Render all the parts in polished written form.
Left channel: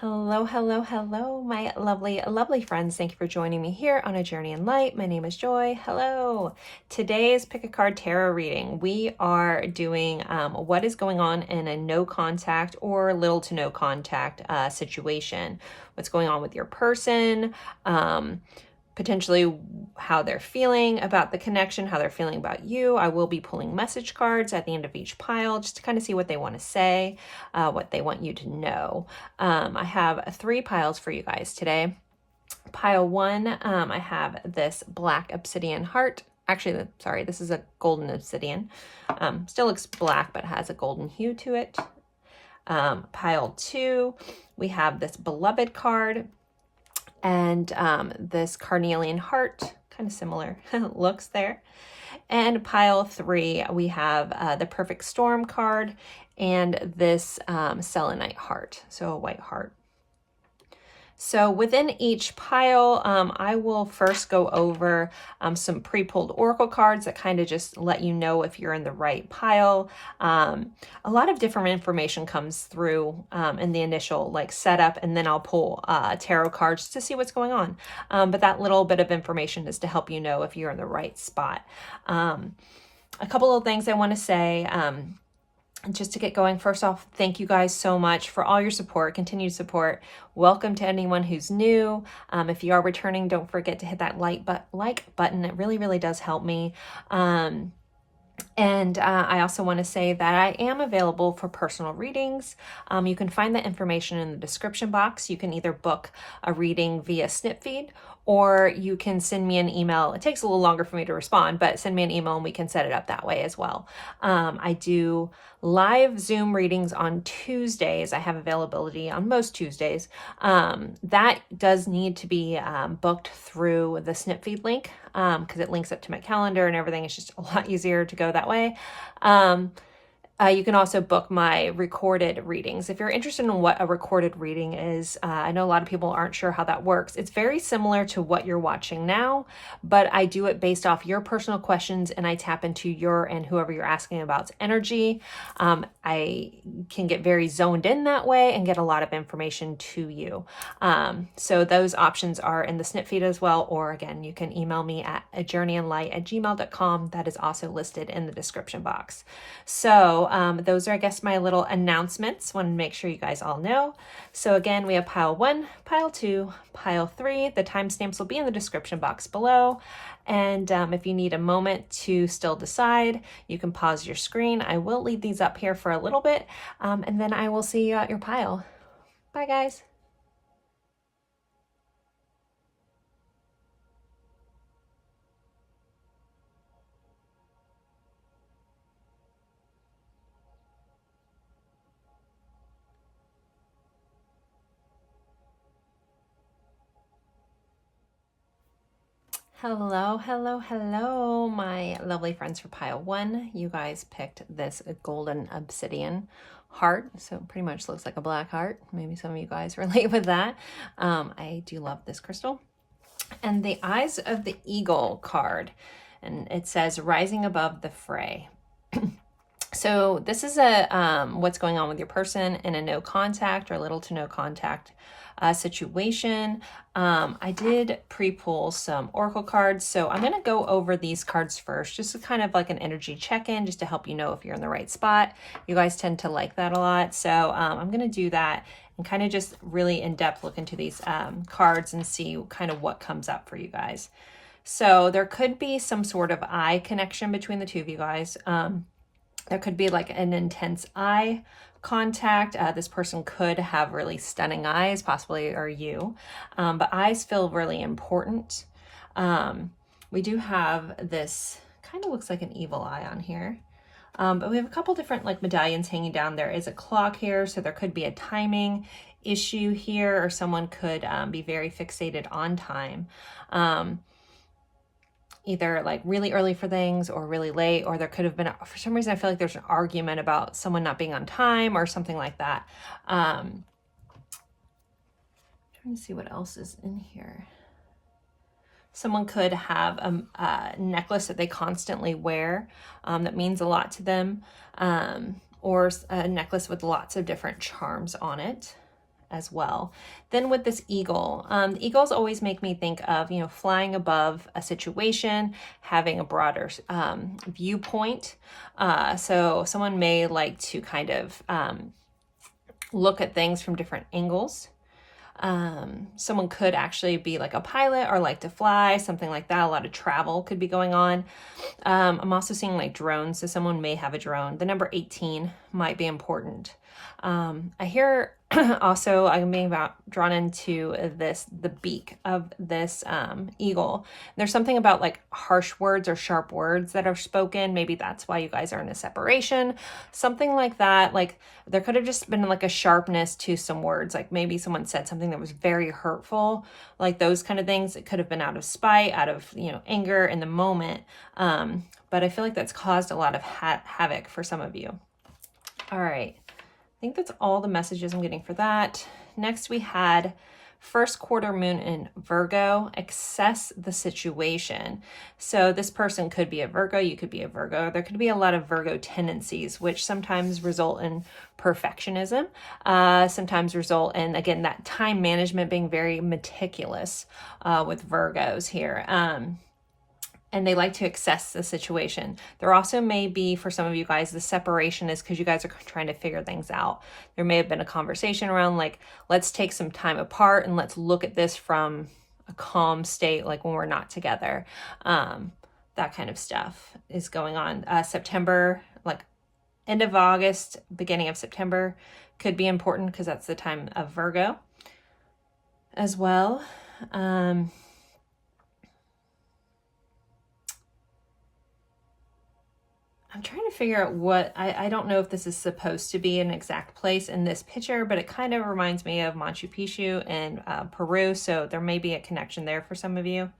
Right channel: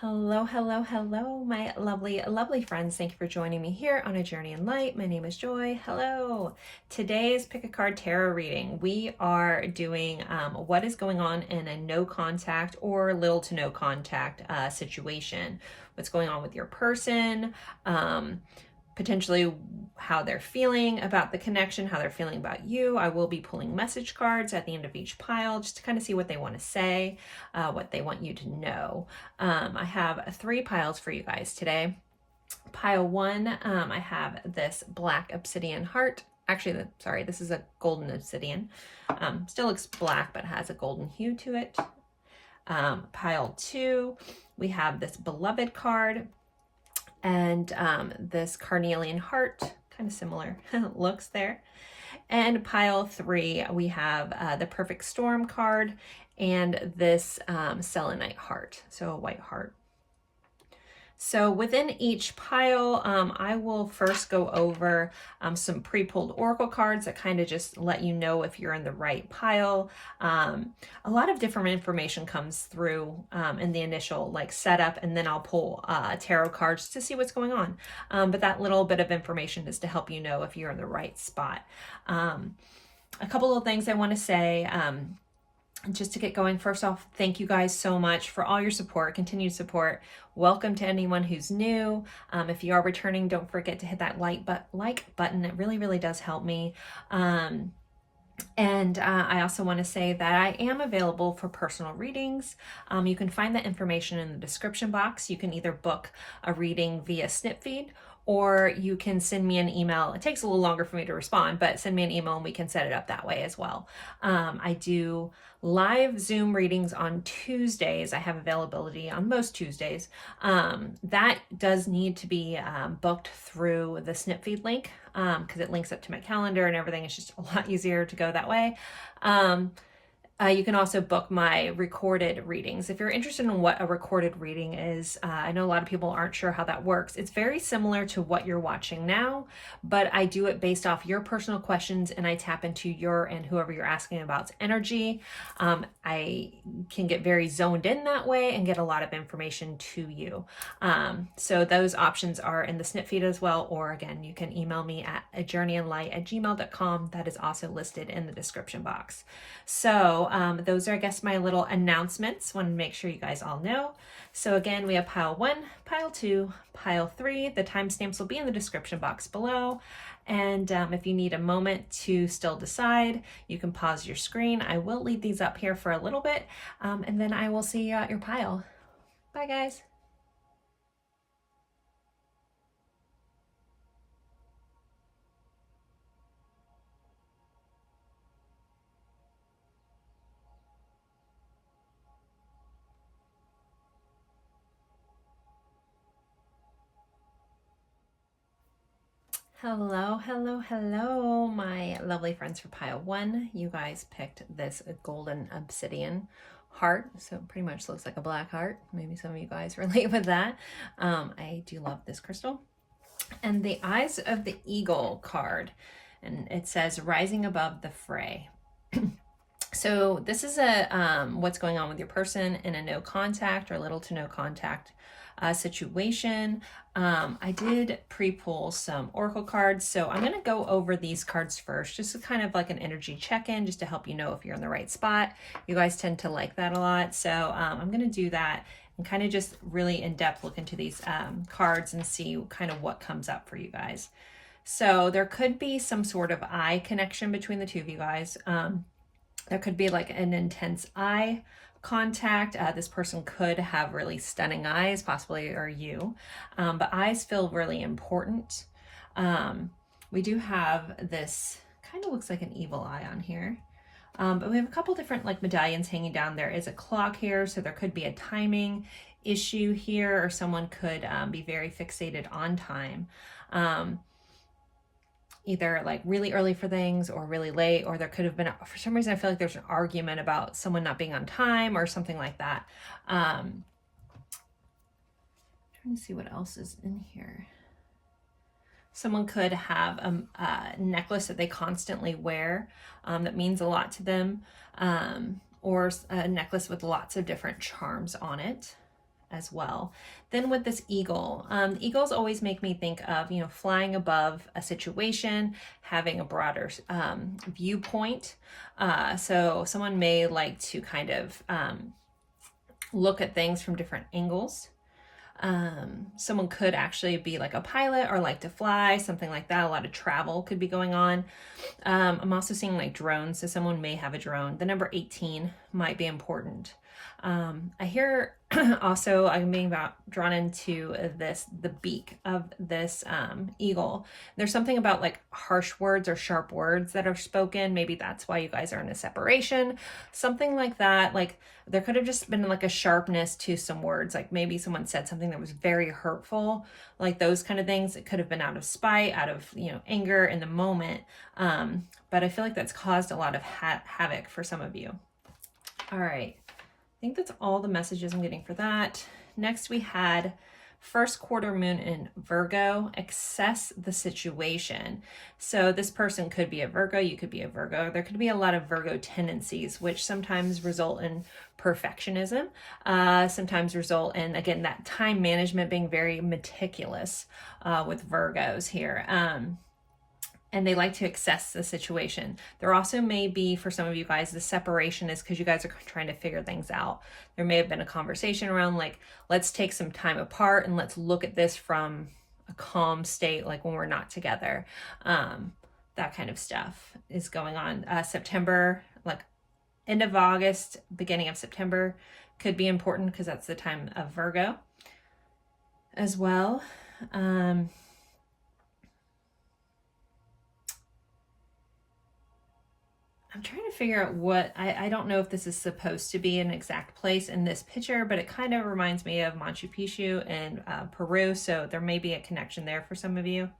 Hello, hello, hello, my lovely, lovely friends. Thank you for joining me here on A Journey in Light. My name is Joy. Hello. Today's Pick a Card Tarot reading. We are doing what is going on in a no contact or little to no contact situation. What's going on with your person, potentially how they're feeling about the connection, how they're feeling about you. I will be pulling message cards at the end of each pile just to kind of see what they want to say, what they want you to know. I have 3 piles for you guys today. Pile 1, I have this black obsidian heart. Actually, sorry, this is a golden obsidian. Still looks black, but has a golden hue to it. Pile 2, we have this beloved card. And this carnelian heart, kind of similar looks there. And pile 3, we have the perfect storm card and this selenite heart, so a white heart. So within each pile, I will first go over some pre-pulled oracle cards that kind of just let you know if you're in the right pile. A lot of different information comes through in the initial setup, and then I'll pull tarot cards to see what's going on. But that little bit of information is to help you know if you're in the right spot. A couple of things I want to say. Just to get going, first off, thank you guys so much for all your support, continued support. Welcome to anyone who's new. If you are returning, don't forget to hit that like button. It really, really does help me. And I also want to say that I am available for personal readings. You can find that information in the description box. You can either book a reading via Snip Feed, or you can send me an email. It takes a little longer for me to respond, but send me an email and we can set it up that way as well. I do live Zoom readings on Tuesdays. I have availability on most Tuesdays. That does need to be booked through the Snip Feed link because it links up to my calendar and everything. It's just a lot easier to go that way. You can also book my recorded readings. If you're interested in what a recorded reading is, I know a lot of people aren't sure how that works. It's very similar to what you're watching now, but I do it based off your personal questions and I tap into your and whoever you're asking about's energy. I can get very zoned in that way and get a lot of information to you. So those options are in the Snip Feed as well, or again, you can email me at ajourneyinlight@gmail.com. That is also listed in the description box. So those are, I guess, my little announcements. Want to make sure you guys all know. So again, we have pile 1, pile 2, pile 3. The timestamps will be in the description box below. And if you need a moment to still decide, you can pause your screen. I will leave these up here for a little bit, and then I will see you at your pile. Bye, guys. Hello, hello, hello, my lovely friends for pile 1. You guys picked this golden obsidian heart, so it pretty much looks like a black heart. Maybe some of you guys relate with that. I do love this crystal. And the Eyes of the Eagle card, and it says rising above the fray. So this is a what's going on with your person in a no contact or little to no contact situation. I did pre-pull some oracle cards, so I'm going to go over these cards first, just to kind of like an energy check-in, just to help you know if you're in the right spot. You guys tend to like that a lot, so I'm going to do that and kind of just really in-depth look into these cards and see kind of what comes up for you guys. So there could be some sort of eye connection between the two of you guys. There could be like an intense eye contact. This person could have really stunning eyes, possibly, or you. But eyes feel really important. We do have this, kind of looks like an evil eye on here. But we have a couple different like medallions hanging down. There is a clock here, so there could be a timing issue here, or someone could be very fixated on time. Either like really early for things or really late, or there could have been, for some reason, I feel like there's an argument about someone not being on time or something like that. Trying to see what else is in here. Someone could have a necklace that they constantly wear that means a lot to them, or a necklace with lots of different charms on it. as well. Then with this eagle, eagles always make me think of, you know, flying above a situation, having a broader viewpoint. So someone may like to kind of look at things from different angles. Someone could actually be like a pilot or like to fly, something like that. A lot of travel could be going on. I'm also seeing like drones, so someone may have a drone. The number 18 might be important. I hear also I'm being drawn into the beak of this eagle. There's something about like harsh words or sharp words that are spoken. Maybe that's why you guys are in a separation, something like that. Like there could have just been like a sharpness to some words. Like maybe someone said something that was very hurtful, like those kind of things. It could have been out of spite, out of, you know, anger in the moment. But I feel like that's caused a lot of havoc for some of you. All right. I think that's all the messages I'm getting for that. Next, we had first quarter moon in Virgo, assess the situation. So this person could be a Virgo, you could be a Virgo. There could be a lot of Virgo tendencies, which sometimes result in perfectionism, sometimes result in, again, that time management, being very meticulous with Virgos here. And they like to assess the situation. There also may be, for some of you guys, the separation is because you guys are trying to figure things out. There may have been a conversation around like, let's take some time apart and let's look at this from a calm state, like when we're not together. That kind of stuff is going on. September, like end of August, beginning of September could be important because that's the time of Virgo as well. I'm trying to figure out what, I don't know if this is supposed to be an exact place in this picture, but it kind of reminds me of Machu Picchu in Peru. So there may be a connection there for some of you.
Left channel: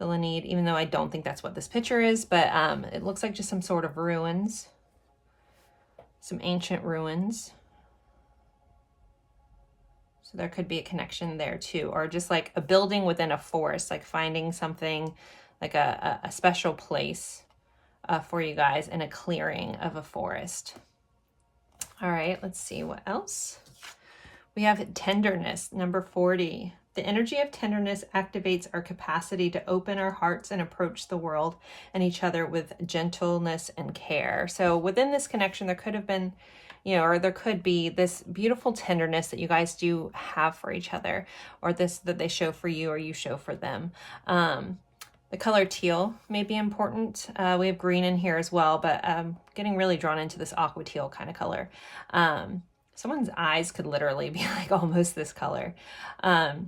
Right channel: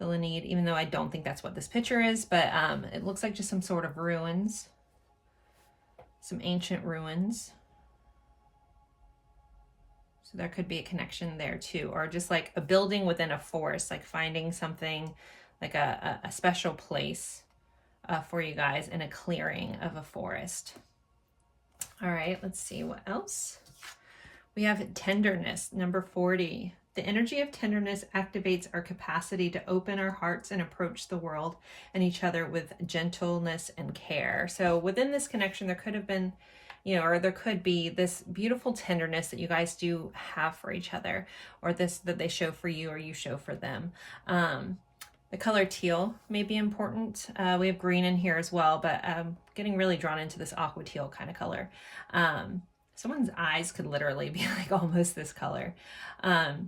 Feel a need, even though I don't think that's what this picture is, but it looks like just some sort of ruins, some ancient ruins. So there could be a connection there too, or just like a building within a forest, like finding something like a special place for you guys in a clearing of a forest. All right, let's see what else. We have tenderness, number 40. The energy of tenderness activates our capacity to open our hearts and approach the world and each other with gentleness and care. So within this connection, there could have been, you know, or there could be this beautiful tenderness that you guys do have for each other, or this that they show for you or you show for them. The color teal may be important. We have green in here as well, but getting really drawn into this aqua teal kind of color. Someone's eyes could literally be like almost this color. But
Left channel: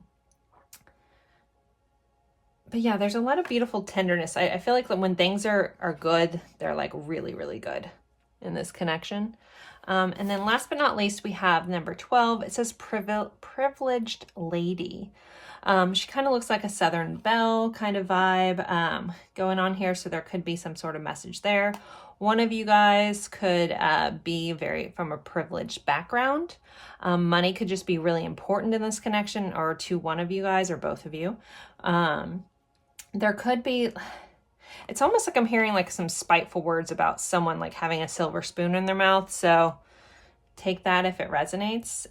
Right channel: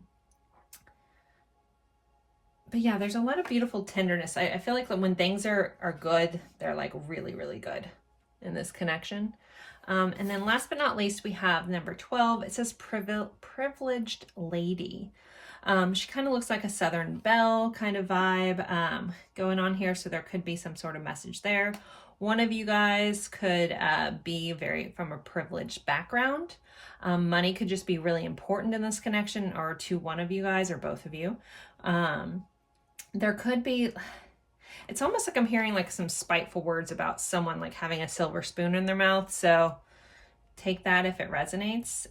yeah, there's a lot of beautiful tenderness. I feel like that when things are good, they're like really, really good in this connection. And then last but not least, we have number 12. It says privileged lady. She kind of looks like a Southern belle kind of vibe going on here. So there could be some sort of message there. One of you guys could be from a privileged background. Money could just be really important in this connection, or to one of you guys or both of you. There could be, it's almost like I'm hearing like some spiteful words about someone like having a silver spoon in their mouth. So take that if it resonates.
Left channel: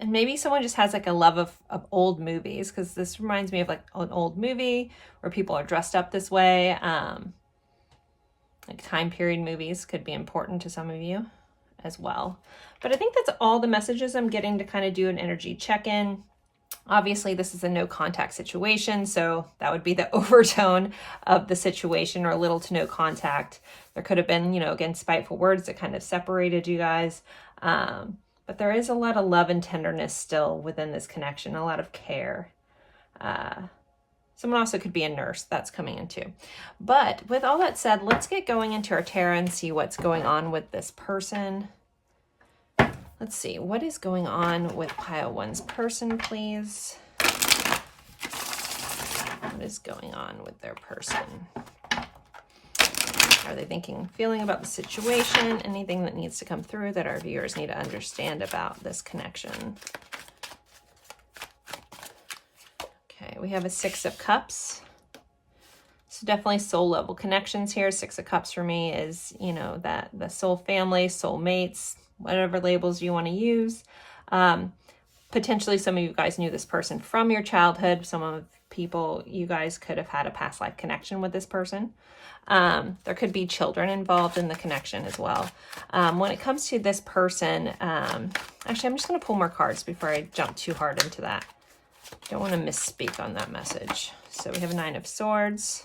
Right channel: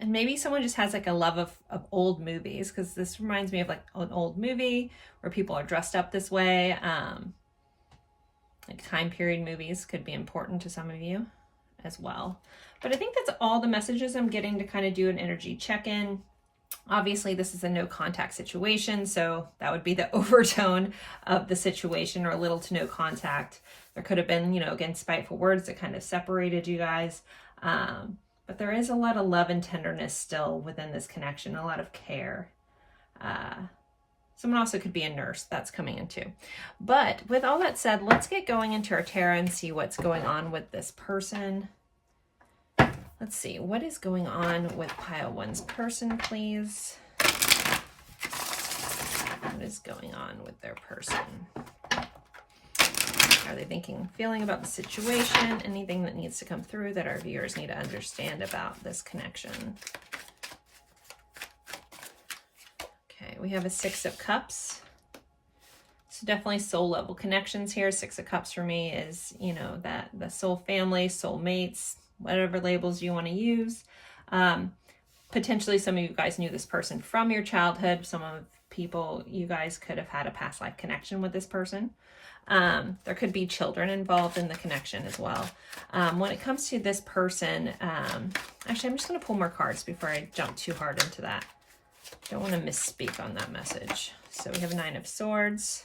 And maybe someone just has like a love of old movies, because this reminds me of like an old movie where people are dressed up this way. Like time period movies could be important to some of you as well. But I think that's all the messages I'm getting to kind of do an energy check-in. Obviously, this is a no contact situation, so that would be the overtone of the situation, or little to no contact. There could have been, you know, again, spiteful words that kind of separated you guys. But there is a lot of love and tenderness still within this connection, a lot of care. Someone also could be a nurse. That's coming in too. But with all that said, let's get going into our tarot and see what's going on with this person. Let's see. What is going on with pile 1's person, please? What is going on with their person? Are they thinking, feeling about the situation? Anything that needs to come through that our viewers need to understand about this connection? Okay, we have a 6 of Cups. So definitely soul level connections here. Six of Cups for me is, you know, that the soul family, soul mates, whatever labels you want to use. Potentially some of you guys knew this person from your childhood. Some of people, you guys could have had a past life connection with this person. There could be children involved in the connection as well. When it comes to this person, actually, I'm just going to pull more cards before I jump too hard into that. Don't want to misspeak on that message. So we have a Nine of Swords.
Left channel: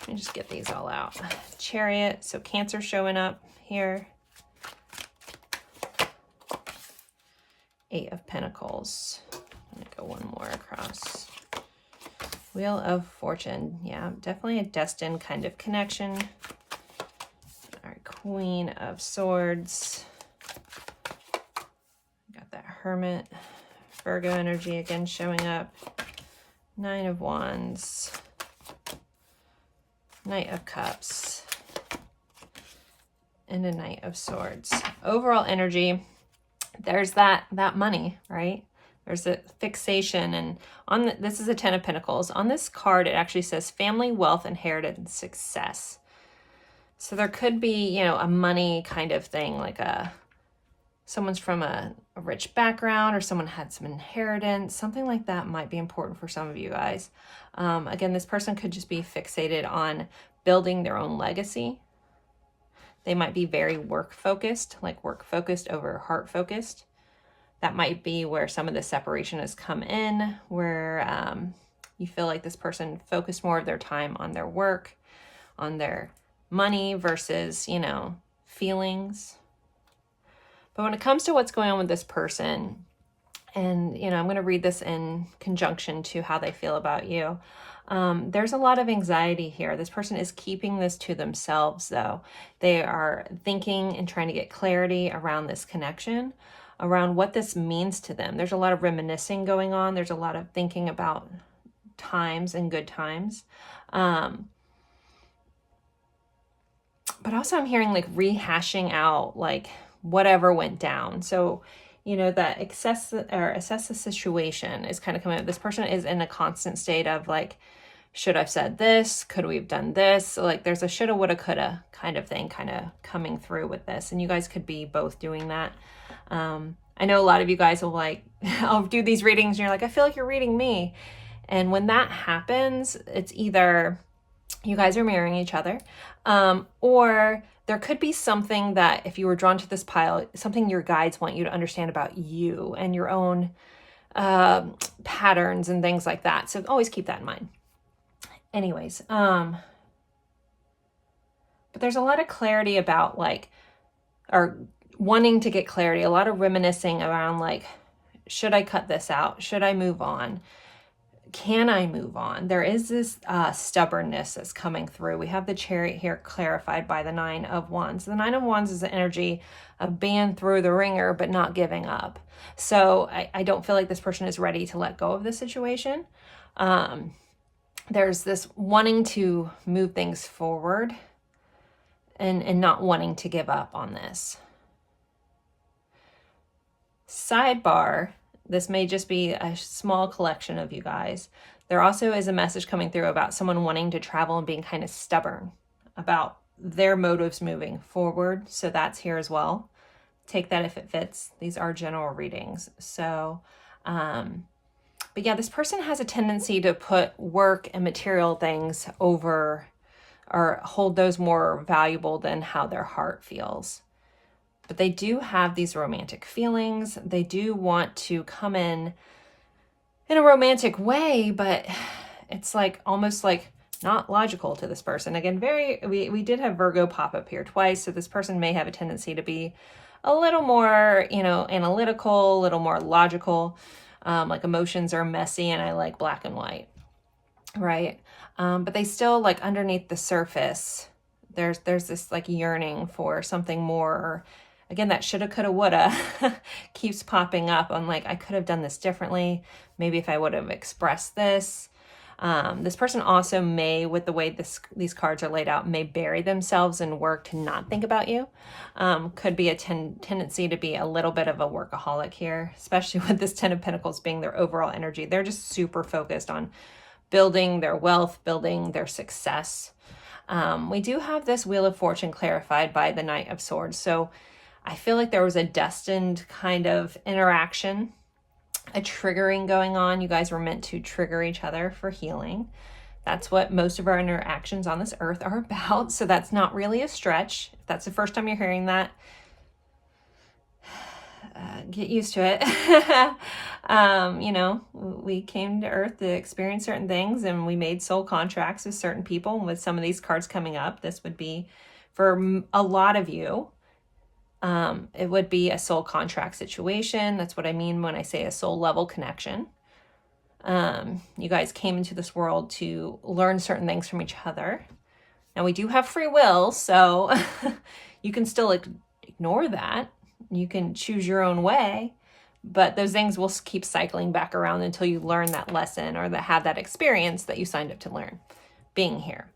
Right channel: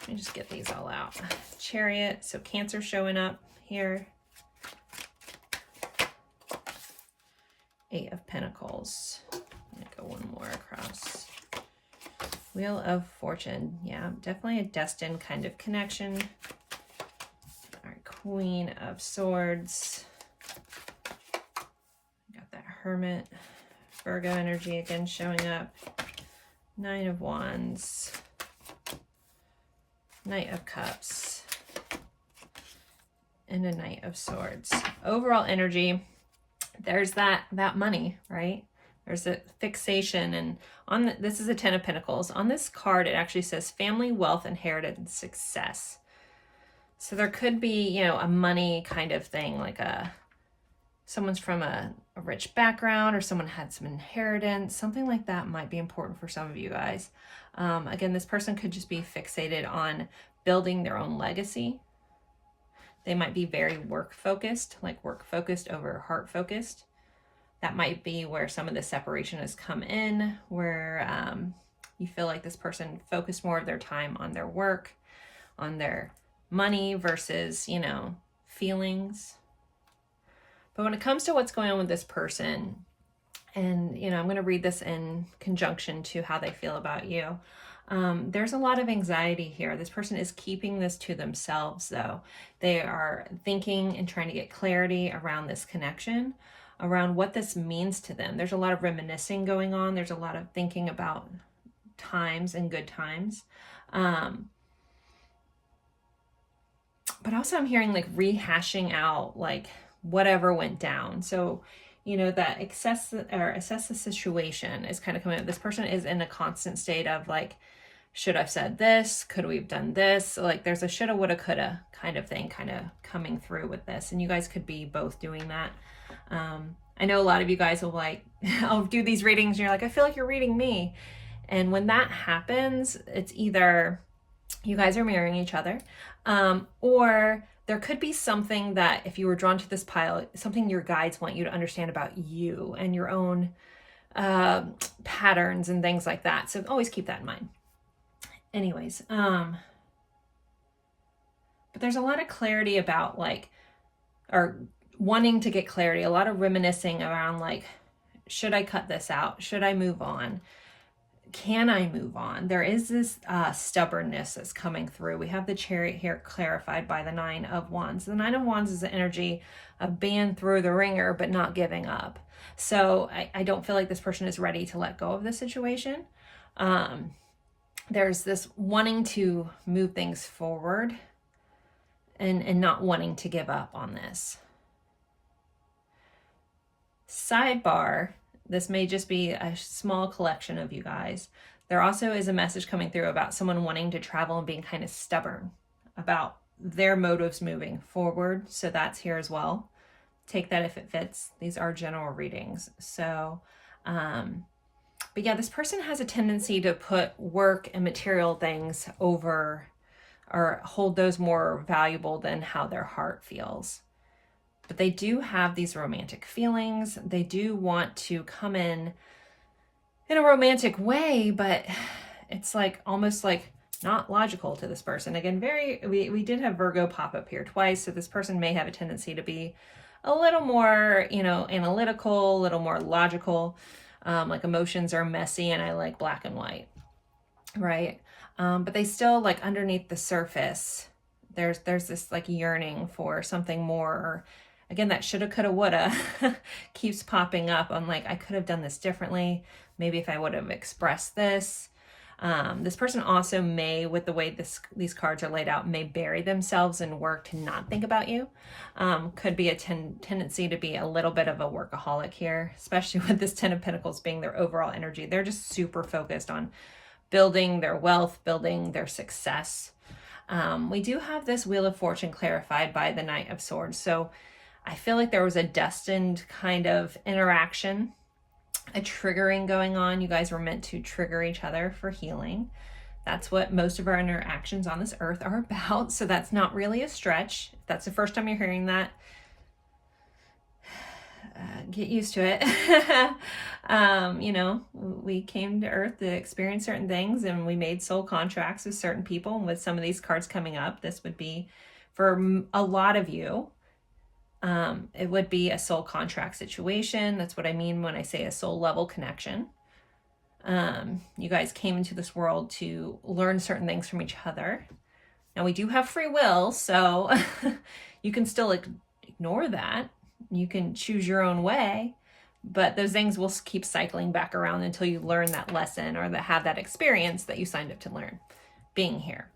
Let me just get these all out. Chariot. So Cancer showing up here. Eight of Pentacles. I'm going to go one more across. Wheel of Fortune. Yeah, definitely a destined kind of connection. All right, Queen of Swords. Got that Hermit. Virgo energy again showing up. Nine of Wands. Knight of Cups. And a Knight of Swords. Overall energy, there's that money, right? There's a fixation, and this is a Ten of Pentacles. On this card, it actually says family, wealth, inheritance, success. So there could be, you know, a money kind of thing, like someone's from a rich background, or someone had some inheritance, something like that might be important for some of you guys. Again, this person could just be fixated on building their own legacy. They might be very work focused, like work focused over heart focused. That might be where some of the separation has come in, where you feel like this person focused more of their time on their work, on their money versus, you know, feelings. But when it comes to what's going on with this person, and, you know, I'm going to read this in conjunction to how they feel about you. There's a lot of anxiety here. This person is keeping this to themselves, though. They are thinking and trying to get clarity around this connection, around what this means to them. There's a lot of reminiscing going on. There's a lot of thinking about times and good times. But also I'm hearing like rehashing out like whatever went down. So, you know, that assess the situation is kind of coming up. This person is in a constant state of like, should I've said this? Could we have done this? So like there's a shoulda, woulda, coulda kind of thing kind of coming through with this. And you guys could be both doing that. I know a lot of you guys will like, I'll do these readings and you're like, I feel like you're reading me. And when that happens, it's either you guys are mirroring each other, or there could be something that if you were drawn to this pile, something your guides want you to understand about you and your own patterns and things like that. So always keep that in mind. Anyways, but there's a lot of clarity about like, or wanting to get clarity, a lot of reminiscing around like, should I cut this out? Should I move on? Can I move on? There is this stubbornness that's coming through. We have the Chariot here clarified by the Nine of Wands. The Nine of Wands is the energy of being through the ringer, but not giving up. So I don't feel like this person is ready to let go of the situation. There's this wanting to move things forward and not wanting to give up on this. Sidebar, this may just be a small collection of you guys. There also is a message coming through about someone wanting to travel and being kind of stubborn about their motives moving forward. So that's here as well. Take that if it fits. These are general readings. So, but yeah, this person has a tendency to put work and material things over or hold those more valuable than how their heart feels. But they do have these romantic feelings. They do want to come in a romantic way, but it's like almost like not logical to this person. Again, we did have Virgo pop up here twice, so this person may have a tendency to be a little more, you know, analytical, a little more logical. Like emotions are messy and I like black and white, right? But they still like underneath the surface, there's this like yearning for something more. Again, that shoulda, coulda, woulda keeps popping up. I'm like, I could have done this differently. Maybe if I would have expressed this. This person also may, with the way these cards are laid out, may bury themselves in work to not think about you. Could be a tendency to be a little bit of a workaholic here, especially with this Ten of Pentacles being their overall energy. They're just super focused on building their wealth, building their success. We do have this Wheel of Fortune clarified by the Knight of Swords. So I feel like there was a destined kind of interaction, a triggering going on. You guys were meant to trigger each other for healing. That's what most of our interactions on this earth are about. So that's not really a stretch. If that's the first time you're hearing that, get used to it. You know, we came to earth to experience certain things, and we made soul contracts with certain people. And with some of these cards coming up, this would be, for a lot of you, it would be a soul contract situation. That's what I mean when I say a soul level connection. You guys came into this world to learn certain things from each other. Now, we do have free will, so you can still ignore that. You can choose your own way, but those things will keep cycling back around until you learn that lesson or have that experience that you signed up to learn being here.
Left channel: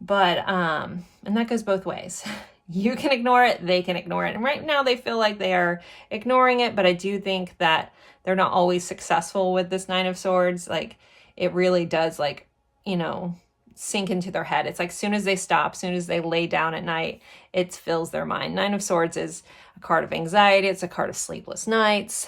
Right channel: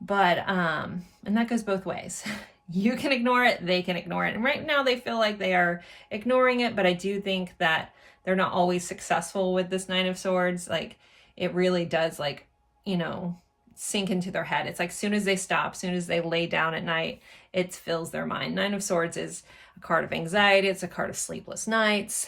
But, and that goes both ways. You can ignore it, they can ignore it. And right now they feel like they are ignoring it, but I do think that they're not always successful with this Nine of Swords. Like, it really does, like, you know, sink into their head. It's like, as soon as they stop, as soon as they lay down at night, it fills their mind. Nine of Swords is a card of anxiety. It's a card of sleepless nights.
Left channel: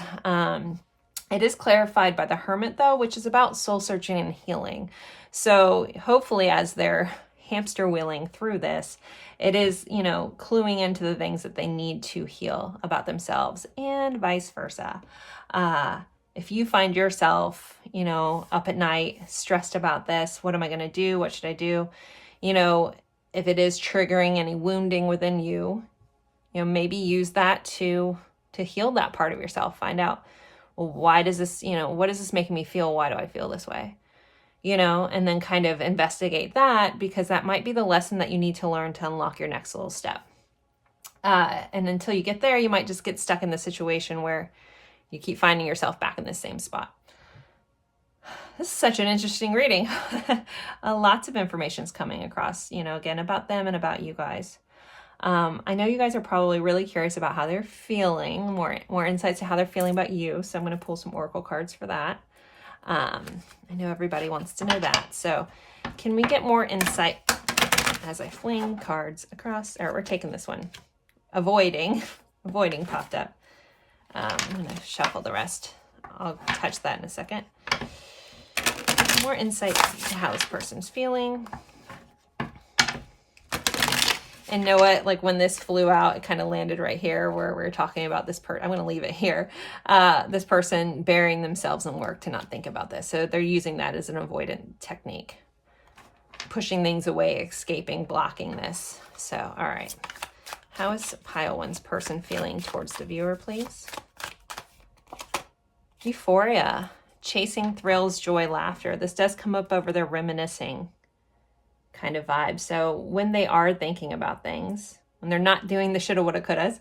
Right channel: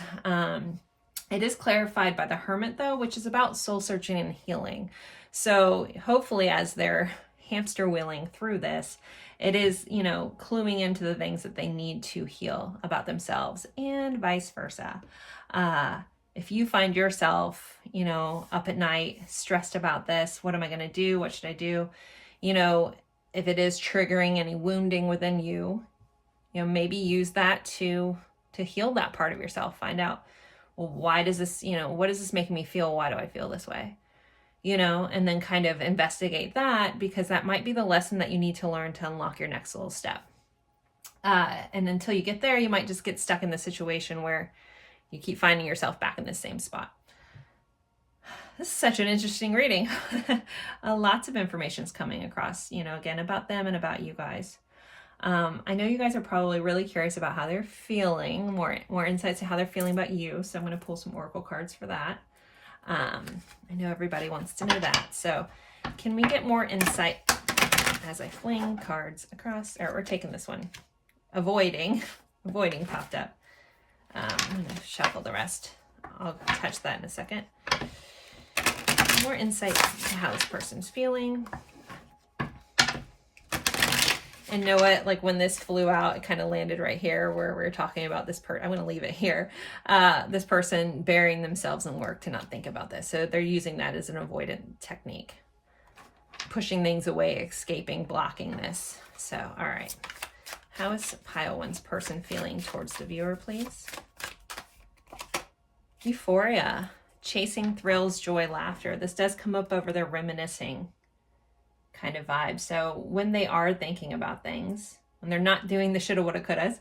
It is clarified by the Hermit, though, which is about soul searching and healing. So hopefully, as they're hamster wheeling through this, it is, you know, cluing into the things that they need to heal about themselves, and vice versa. If you find yourself, you know, up at night, stressed about this, what am I going to do? What should I do? You know, if it is triggering any wounding within you, you know, maybe use that to heal that part of yourself. Find out, well, why does this, you know, what is this making me feel? Why do I feel this way? You know, and then kind of investigate that, because that might be the lesson that you need to learn to unlock your next little step. And until you get there, you might just get stuck in the situation where you keep finding yourself back in the same spot. This is such an interesting reading. Lots of information is coming across, you know, again, about them and about you guys. I know you guys are probably really curious about how they're feeling, more insights to how they're feeling about you. So I'm going to pull some oracle cards for that. I know everybody wants to know that. So can we get more insight as I fling cards across? Or we're taking this one. Avoiding popped up. I'm going to shuffle the rest. I'll touch that in a second. More insight to how this person's feeling. And know what? Like, when this flew out, it kind of landed right here where we're talking about this I'm going to leave it here. This person burying themselves in work to not think about this. So they're using that as an avoidant technique. Pushing things away, escaping, blocking this. So, all right. How is pile one's person feeling towards the viewer, please? Euphoria. Chasing thrills, joy, laughter. This does come up over their reminiscing kind of vibe. So when they are thinking about things, when they're not doing the shoulda, woulda, couldas,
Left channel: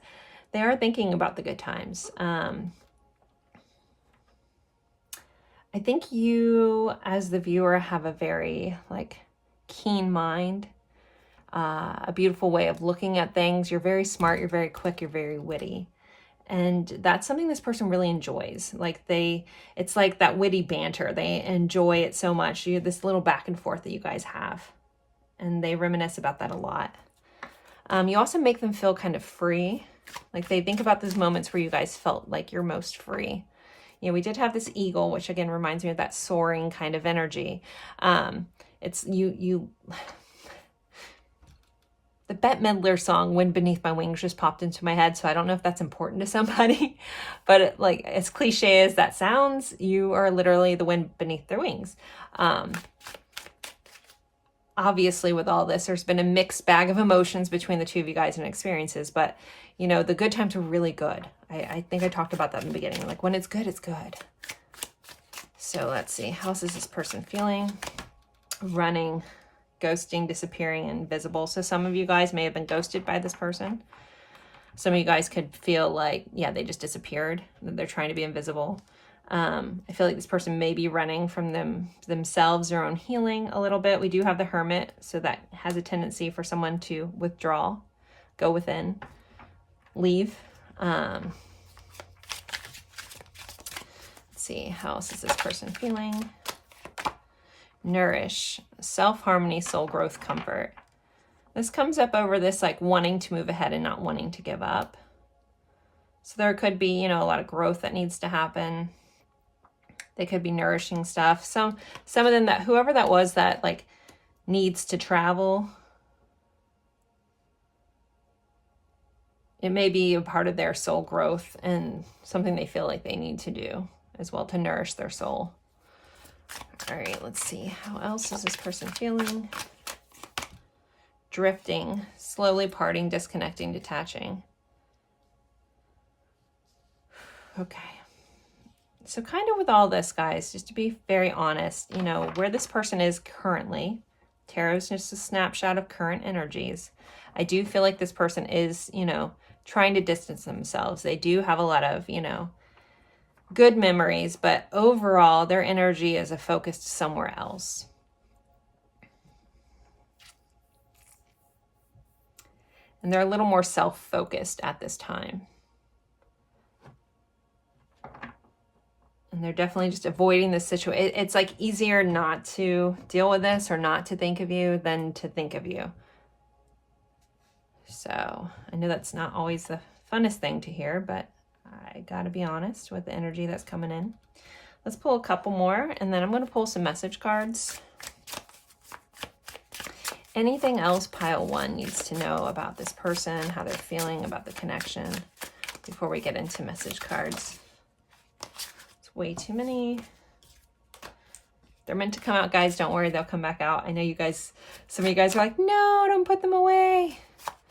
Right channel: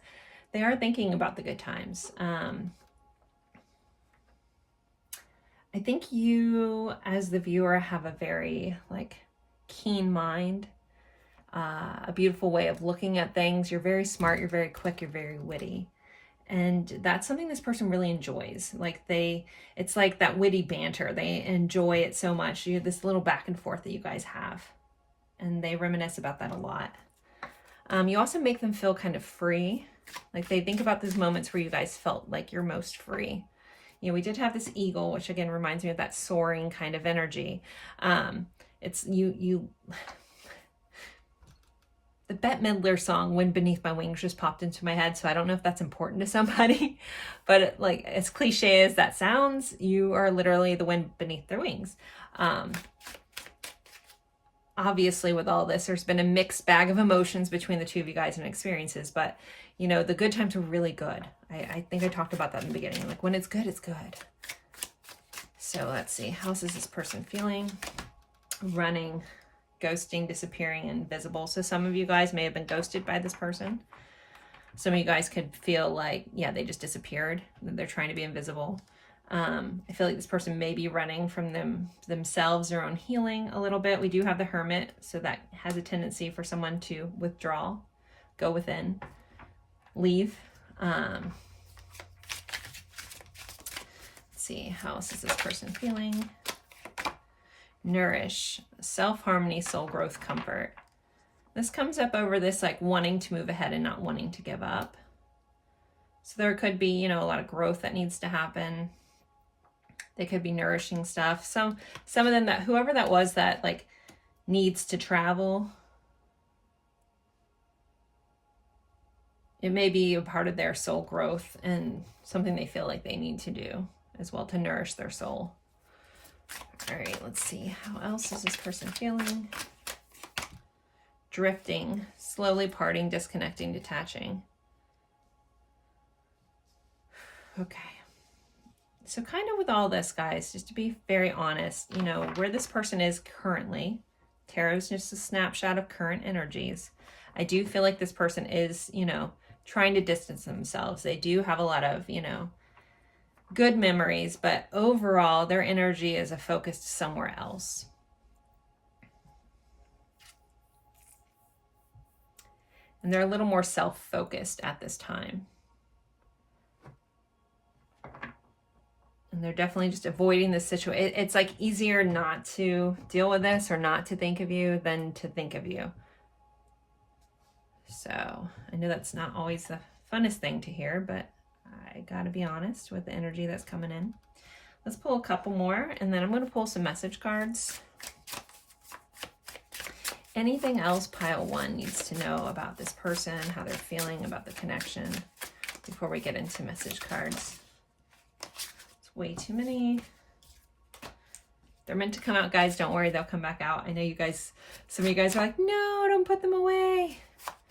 they are thinking about the good times. I think you, as the viewer, have a very, like, keen mind, a beautiful way of looking at things. You're very smart, you're very quick, you're very witty. And that's something this person really enjoys. Like, it's like that witty banter. They enjoy it so much. You have this little back and forth that you guys have. And they reminisce about that a lot. You also make them feel kind of free. Like, they think about those moments where you guys felt like you're most free. You know, we did have this eagle, which again reminds me of that soaring kind of energy. It's the Bette Midler song, Wind Beneath My Wings, just popped into my head. So I don't know if that's important to somebody, but like, as cliche as that sounds, you are literally the wind beneath their wings. Obviously, with all this, there's been a mixed bag of emotions between the two of you guys and experiences, but you know, the good times are really good. I think I talked about that in the beginning. Like, when it's good, it's good. So let's see. How is this person feeling? Running, ghosting, disappearing, invisible. So some of you guys may have been ghosted by this person. Some of you guys could feel like, yeah, they just disappeared. They're trying to be invisible. I feel like this person may be running from themselves, their own healing a little bit. We do have the Hermit, so that has a tendency for someone to withdraw, go within, leave. Let's see, how else is this person feeling? Nourish, self-harmony, soul growth, comfort. This comes up over this like wanting to move ahead and not wanting to give up. So there could be, you know, a lot of growth that needs to happen. They could be nourishing stuff. Some of them, that whoever that was that like needs to travel, it may be a part of their soul growth and something they feel like they need to do as well to nourish their soul. All right, let's see. How else is this person feeling? Drifting, slowly parting, disconnecting, detaching. Okay. So kind of with all this, guys, just to be very honest, you know, where this person is currently, tarot is just a snapshot of current energies. I do feel like this person is, you know, trying to distance themselves. They do have a lot of, you know, good memories, but overall their energy is focused somewhere else. And they're a little more self-focused at this time. And they're definitely just avoiding this situation. It's like easier not to deal with this or not to think of you than to think of you. So I know that's not always the funnest thing to hear, but I gotta be honest with the energy that's coming in. Let's pull a couple more, and then I'm going to pull some message cards. Anything else pile one needs to know about this person, how they're feeling about the connection before we get into message cards. It's way too many. They're meant to come out, guys. Don't worry, they'll come back out. I know you guys, some of you guys are like, no, don't put them away.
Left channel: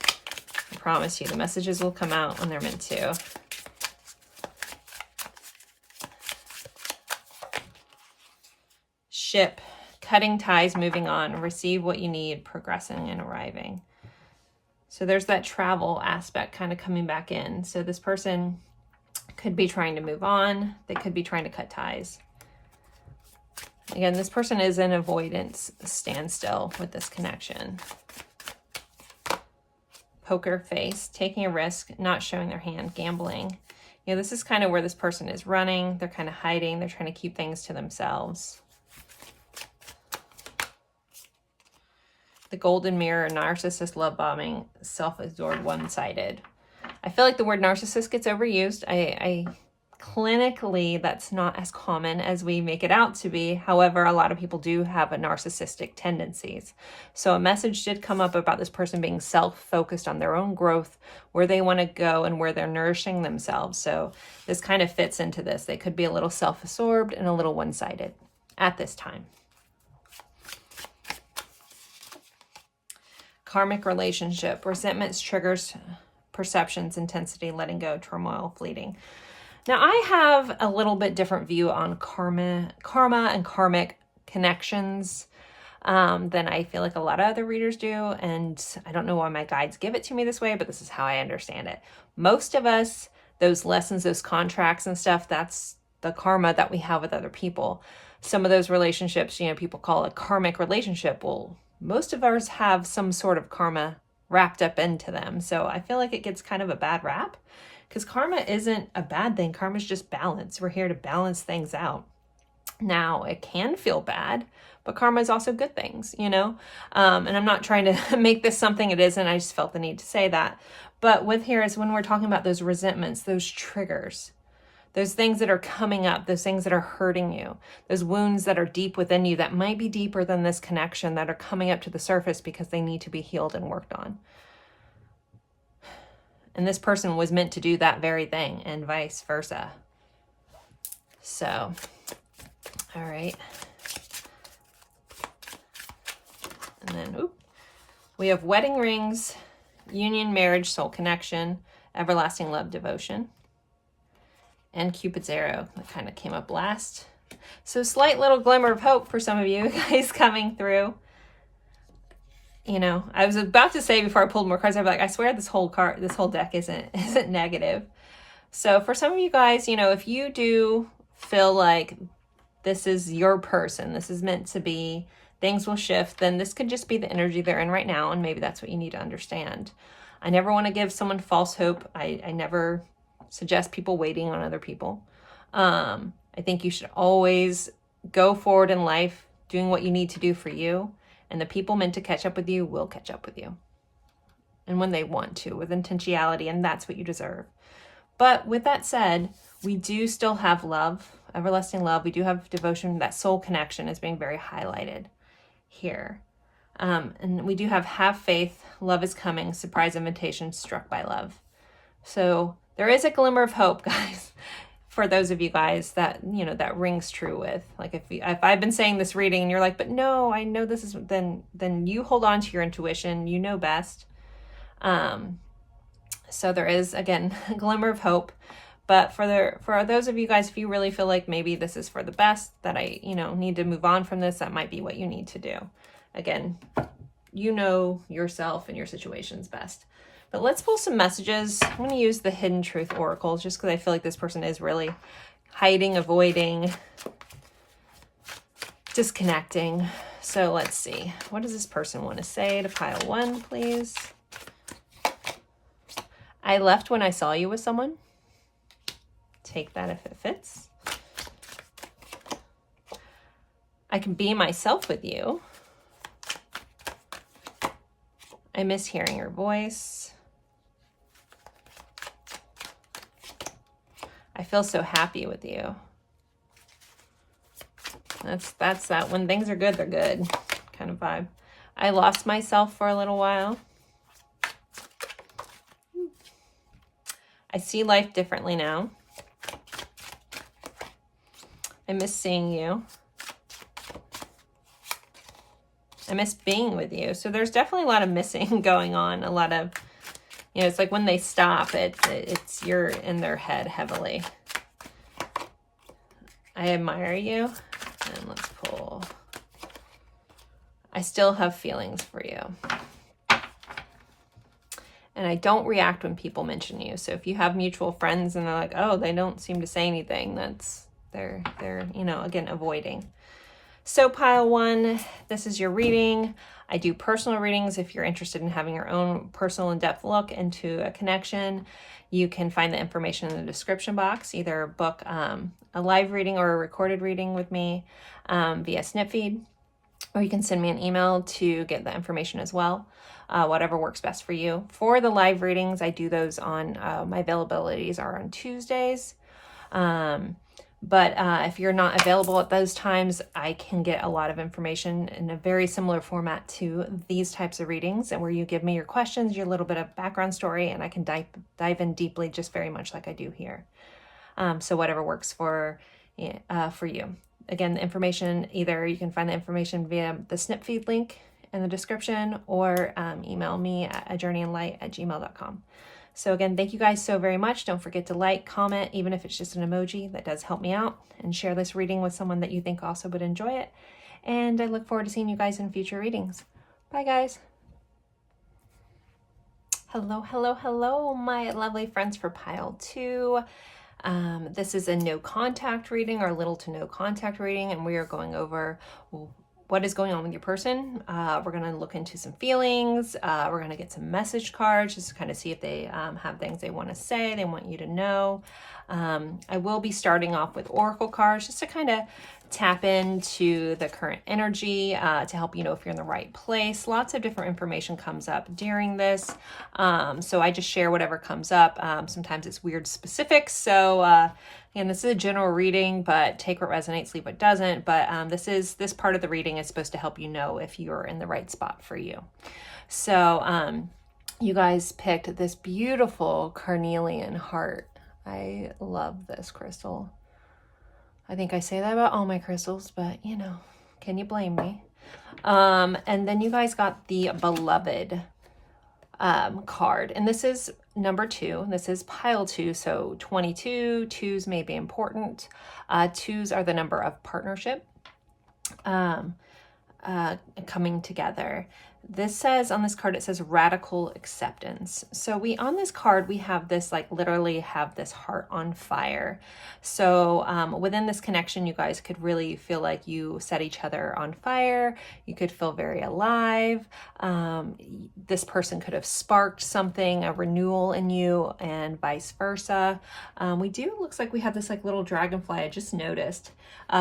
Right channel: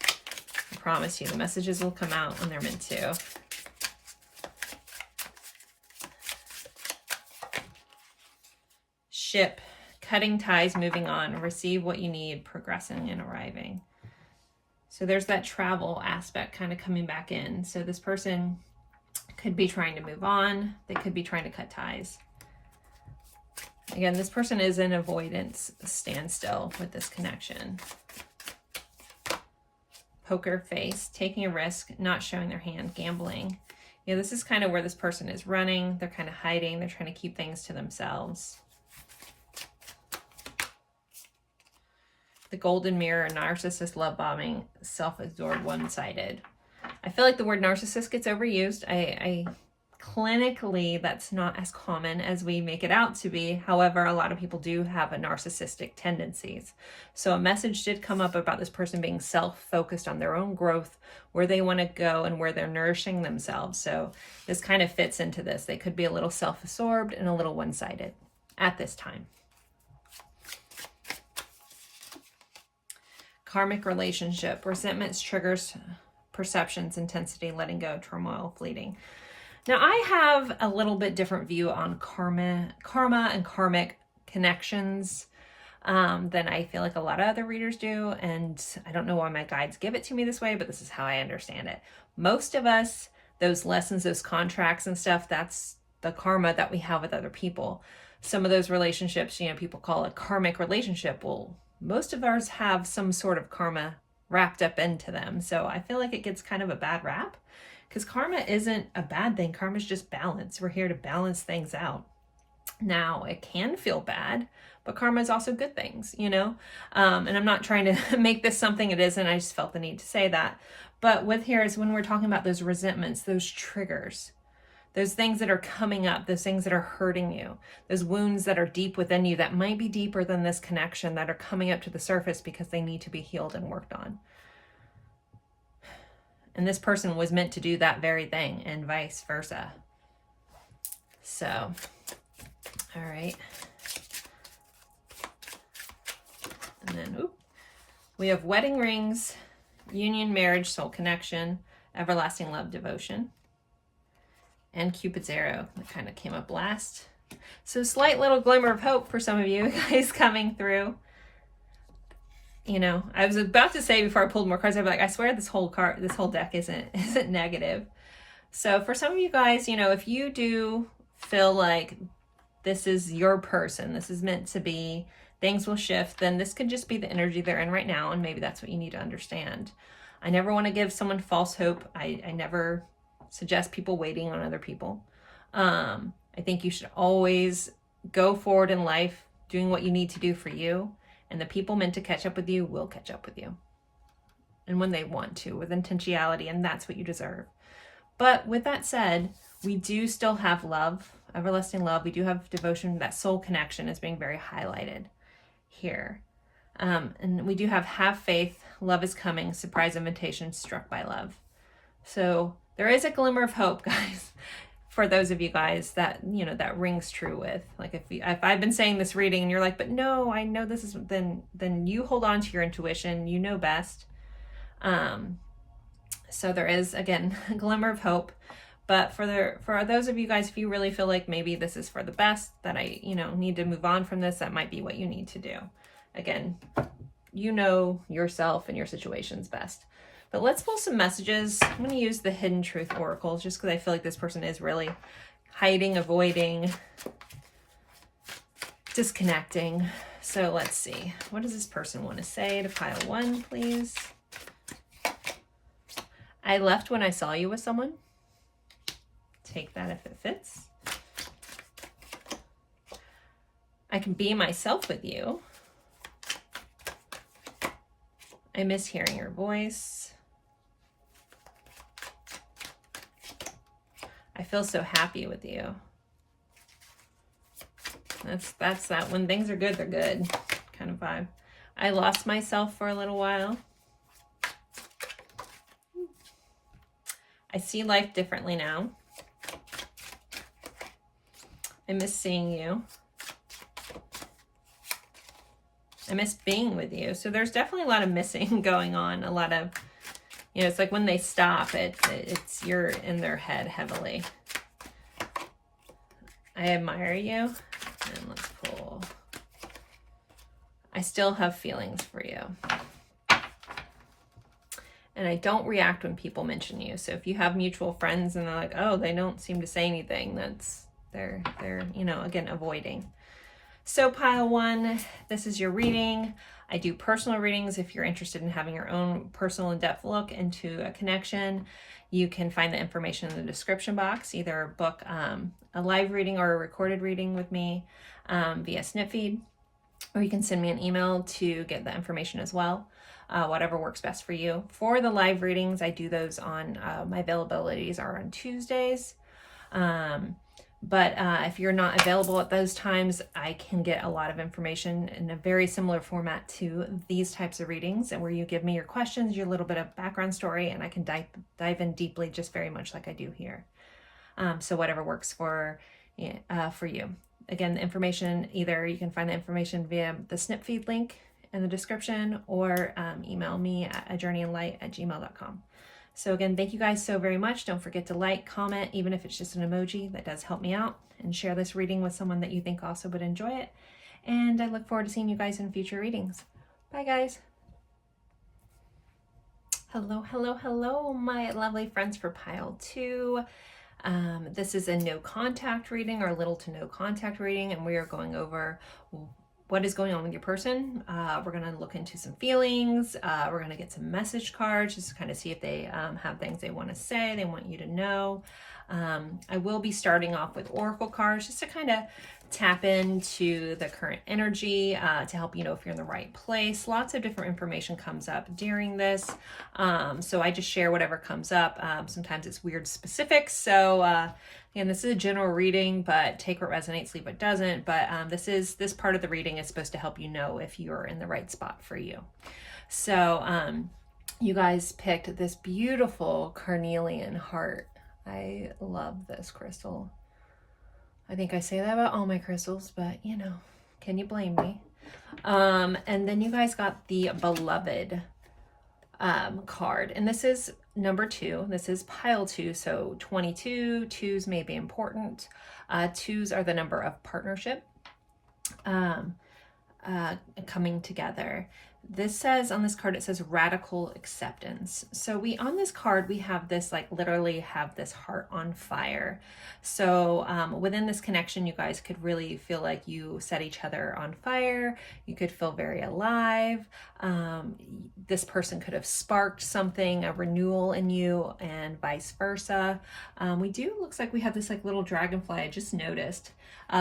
I promise you, the messages will come out when they're meant to. Ship, cutting ties, moving on, receive what you need, progressing and arriving. So there's that travel aspect kind of coming back in. So this person could be trying to move on. They could be trying to cut ties. Again, this person is in avoidance standstill with this connection. Poker face, taking a risk, not showing their hand, gambling. You know, this is kind of where this person is running. They're kind of hiding. They're trying to keep things to themselves. The golden mirror, narcissist, love bombing, self-absorbed, one-sided. I feel like the word narcissist gets overused. I clinically, that's not as common as we make it out to be. However, a lot of people do have a narcissistic tendencies. So a message did come up about this person being self-focused on their own growth, where they want to go and where they're nourishing themselves. So this kind of fits into this. They could be a little self-absorbed and a little one-sided at this time. Karmic relationship, resentments, triggers, perceptions, intensity, letting go, turmoil, fleeting. Now I have a little bit different view on karma and karmic connections than I feel like a lot of other readers do. And I don't know why my guides give it to me this way, but this is how I understand it. Most of us, those lessons, those contracts and stuff, that's the karma that we have with other people. Some of those relationships, you know, people call it karmic relationship. Well, most of ours have some sort of karma wrapped up into them. So I feel like it gets kind of a bad rap because karma isn't a bad thing. Karma is just balance. We're here to balance things out. Now, it can feel bad, but karma is also good things, you know? And I'm not trying to make this something it isn't. I just felt the need to say that. But with here is when we're talking about those resentments, those triggers, those things that are coming up, those things that are hurting you, those wounds that are deep within you that might be deeper than this connection that are coming up to the surface because they need to be healed and worked on. And this person was meant to do that very thing and vice versa. So, all right. And then, we have wedding rings, union, marriage, soul connection, everlasting love, devotion. And Cupid's arrow that kind of came up last. So slight little glimmer of hope for some of you guys coming through. You know, I was about to say before I pulled more cards, I'm like, I swear this whole deck isn't negative. So for some of you guys, you know, if you do feel like this is your person, this is meant to be, things will shift, then this could just be the energy they're in right now, and maybe that's what you need to understand. I never want to give someone false hope. I never suggest people waiting on other people. I think you should always go forward in life doing what you need to do for you, and the people meant to catch up with you will catch up with you. And when they want to, with intentionality, and that's what you deserve. But with that said, we do still have love, everlasting love. We do have devotion. That soul connection is being very highlighted here. And we do have faith, love is coming, surprise invitation, struck by love. So there is a glimmer of hope, guys, for those of you guys that, you know, that rings true with. Like if I've been saying this reading and you're like, but no, I know this is, then you hold on to your intuition, you know best. So there is, again, a glimmer of hope. But for those of you guys, if you really feel like maybe this is for the best, that I, you know, need to move on from this, that might be what you need to do. Again, you know yourself and your situations best. But let's pull some messages. I'm going to use the Hidden Truth Oracles just because I feel like this person is really hiding, avoiding, disconnecting. So let's see. What does this person want to say to pile 1, please? I left when I saw you with someone. Take that if it fits. I can be myself with you. I miss hearing your voice. I feel so happy with you. That's that. When things are good, they're good kind of vibe. I lost myself for a little while. I see life differently now. I miss seeing you. I miss being with you. So there's definitely a lot of missing going on. A lot of, you know, it's like when they stop, it's you're in their head heavily. I admire you. And let's pull. I still have feelings for you. And I don't react when people mention you. So if you have mutual friends and they're like, oh, they don't seem to say anything, that's, they're, you know, again, avoiding. So pile 1, this is your reading. I do personal readings. If you're interested in having your own personal in-depth look into a connection, you can find the information in the description box. Either book a live reading or a recorded reading with me via Snipfeed, or you can send me an email to get the information as well. Whatever works best for you. For the live readings, I do those on, my availabilities are on Tuesdays. But if you're not available at those times, I can get a lot of information in a very similar format to these types of readings, and where you give me your questions, your little bit of background story, and I can dive in deeply, just very much like I do here. So whatever works for you. Again, the information, either you can find the information via the Snipfeed link in the description, or email me at ajourneyinlight@gmail.com. So again, thank you guys so very much. Don't forget to like, comment, even if it's just an emoji, that does help me out, and share this reading with someone that you think also would enjoy it. And I look forward to seeing you guys in future readings. Bye guys. Hello, hello, hello, my lovely friends for pile 2. This is a no contact reading, or little to no contact reading, and we are going over what is going on with your person. We're going to look into some feelings. We're going to get some message cards just to kind of see if they have things they want to say, they want you to know. I will be starting off with oracle cards just to kind of tap into the current energy, to help you know if you're in the right place. Lots of different information comes up during this. So I just share whatever comes up. Sometimes it's weird specifics. So, and this is a general reading, but take what resonates, leave what doesn't. But this part of the reading is supposed to help you know if you're in the right spot for you. So you guys picked this beautiful carnelian heart. I love this crystal. I think I say that about all my crystals, but you know, can you blame me? And then you guys got the beloved card, and this is number 2. This is pile 2, so 22. 2s may be important. 2s are the number of partnership, coming together. This says on this card, it says radical acceptance. So on this card, we have this, like literally have this heart on fire. So within this connection, you guys could really feel like you set each other on fire. You could feel very alive. This person could have sparked something, a renewal in you, and vice versa. Looks like we have this like little dragonfly, I just noticed,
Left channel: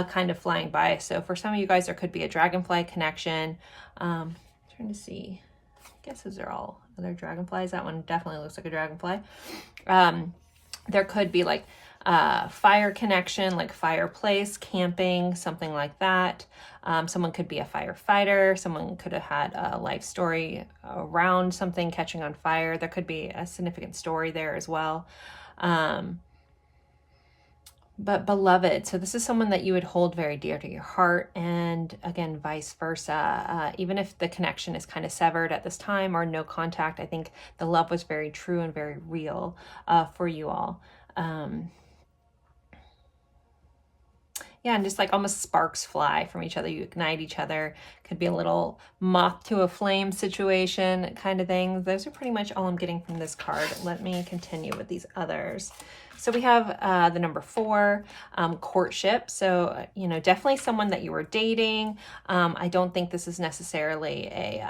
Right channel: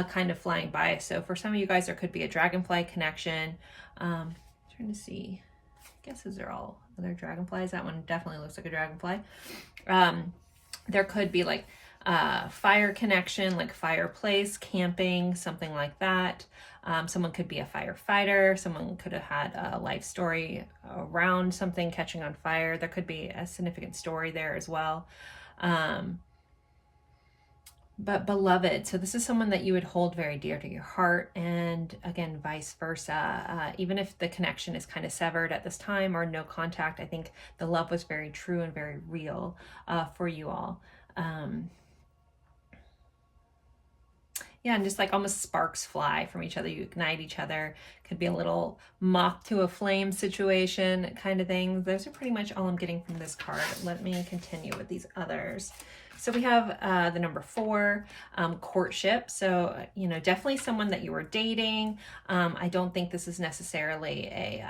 kind of flying by. So for some of you guys, there could be a dragonfly connection. Trying to see, I guess those are all other dragonflies. That one definitely looks like a dragonfly. There could be like fire connection, like fireplace, camping, something like that. Someone could be a firefighter. Someone could have had a life story around something catching on fire. There could be a significant story there as well. But beloved, so this is someone that you would hold very dear to your heart, and again, vice versa. Even if the connection is kind of severed at this time or no contact, I think the love was very true and very real for you all. Yeah, and just like almost sparks fly from each other. You ignite each other. Could be a little moth to a flame situation kind of thing. Those are pretty much all I'm getting from this card. Let me continue with these others. So we have the number 4, courtship. So, you know, definitely someone that you were dating. I don't think this is necessarily a,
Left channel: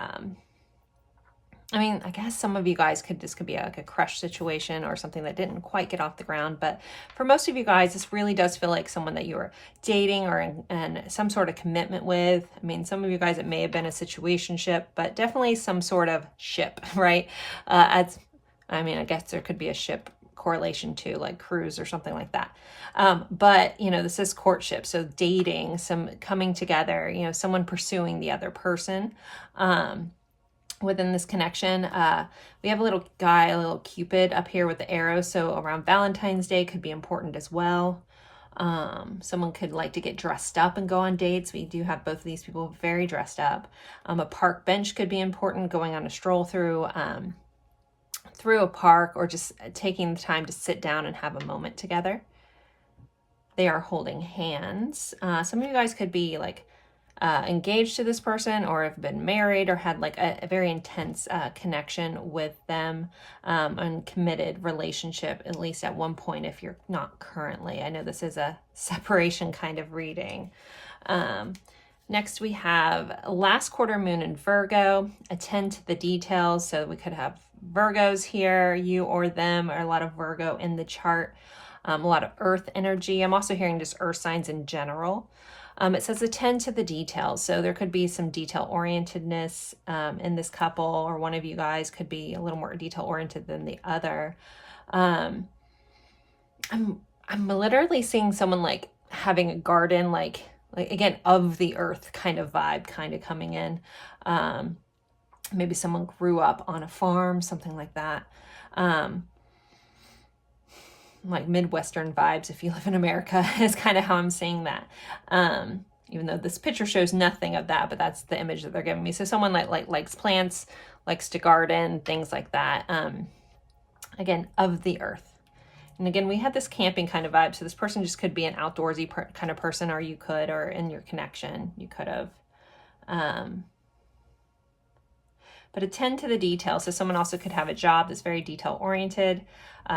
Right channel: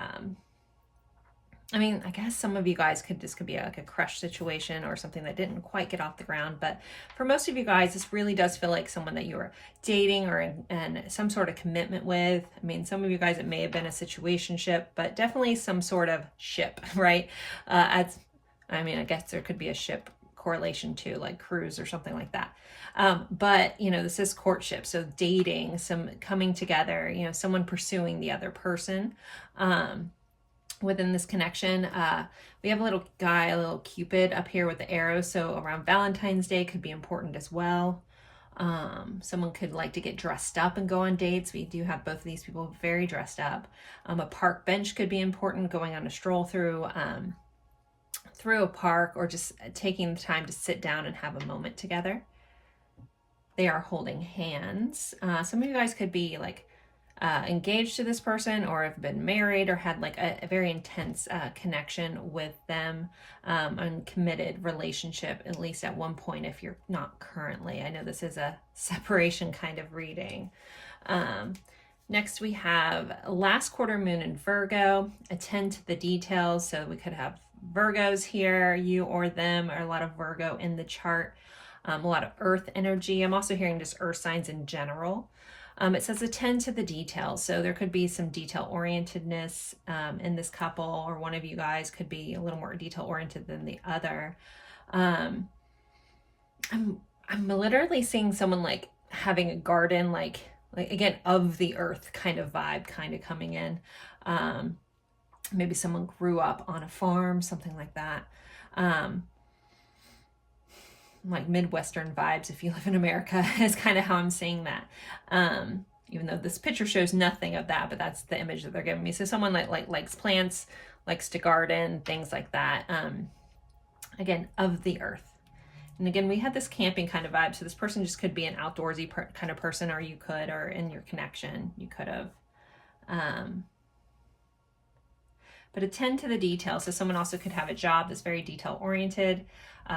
I mean, I guess some of you guys this could be like a crush situation or something that didn't quite get off the ground. But for most of you guys, this really does feel like someone that you were dating or in some sort of commitment with. I mean, some of you guys, it may have been a situationship, but definitely some sort of ship, right? I guess there could be a ship correlation to like cruise or something like that. But you know, this is courtship. So dating, some coming together, you know, someone pursuing the other person. Within this connection, we have a little guy, a little Cupid up here with the arrow. So around Valentine's Day could be important as well. Someone could like to get dressed up and go on dates. We do have both of these people very dressed up. A park bench could be important, going on a stroll through a park, or just taking the time to sit down and have a moment together. They are holding hands. Some of you guys could be like engaged to this person, or have been married, or had like a very intense connection with them, and committed relationship, at least at one point, if you're not currently. I know this is a separation kind of reading. Next we have last quarter moon in Virgo. Attend to the details. So we could have Virgos here, you or them, or a lot of Virgo in the chart. A lot of earth energy. I'm also hearing just earth signs in general. It says attend to the details. So there could be some detail orientedness in this couple, or one of you guys could be a little more detail oriented than the other. I'm literally seeing someone like having a garden, like again, of the earth kind of vibe kind of coming in. Maybe someone grew up on a farm, something like that. Like Midwestern vibes, if you live in America, is kind of how I'm seeing that. Even though this picture shows nothing of that, but that's the image that they're giving me. So someone like likes plants, likes to garden, things like that. Again, of the earth. And again, we had this camping kind of vibe. So this person just could be an outdoorsy kind of person, or you could, or in your connection, you could have. But attend to the details. So someone also could have a job that's very detail oriented.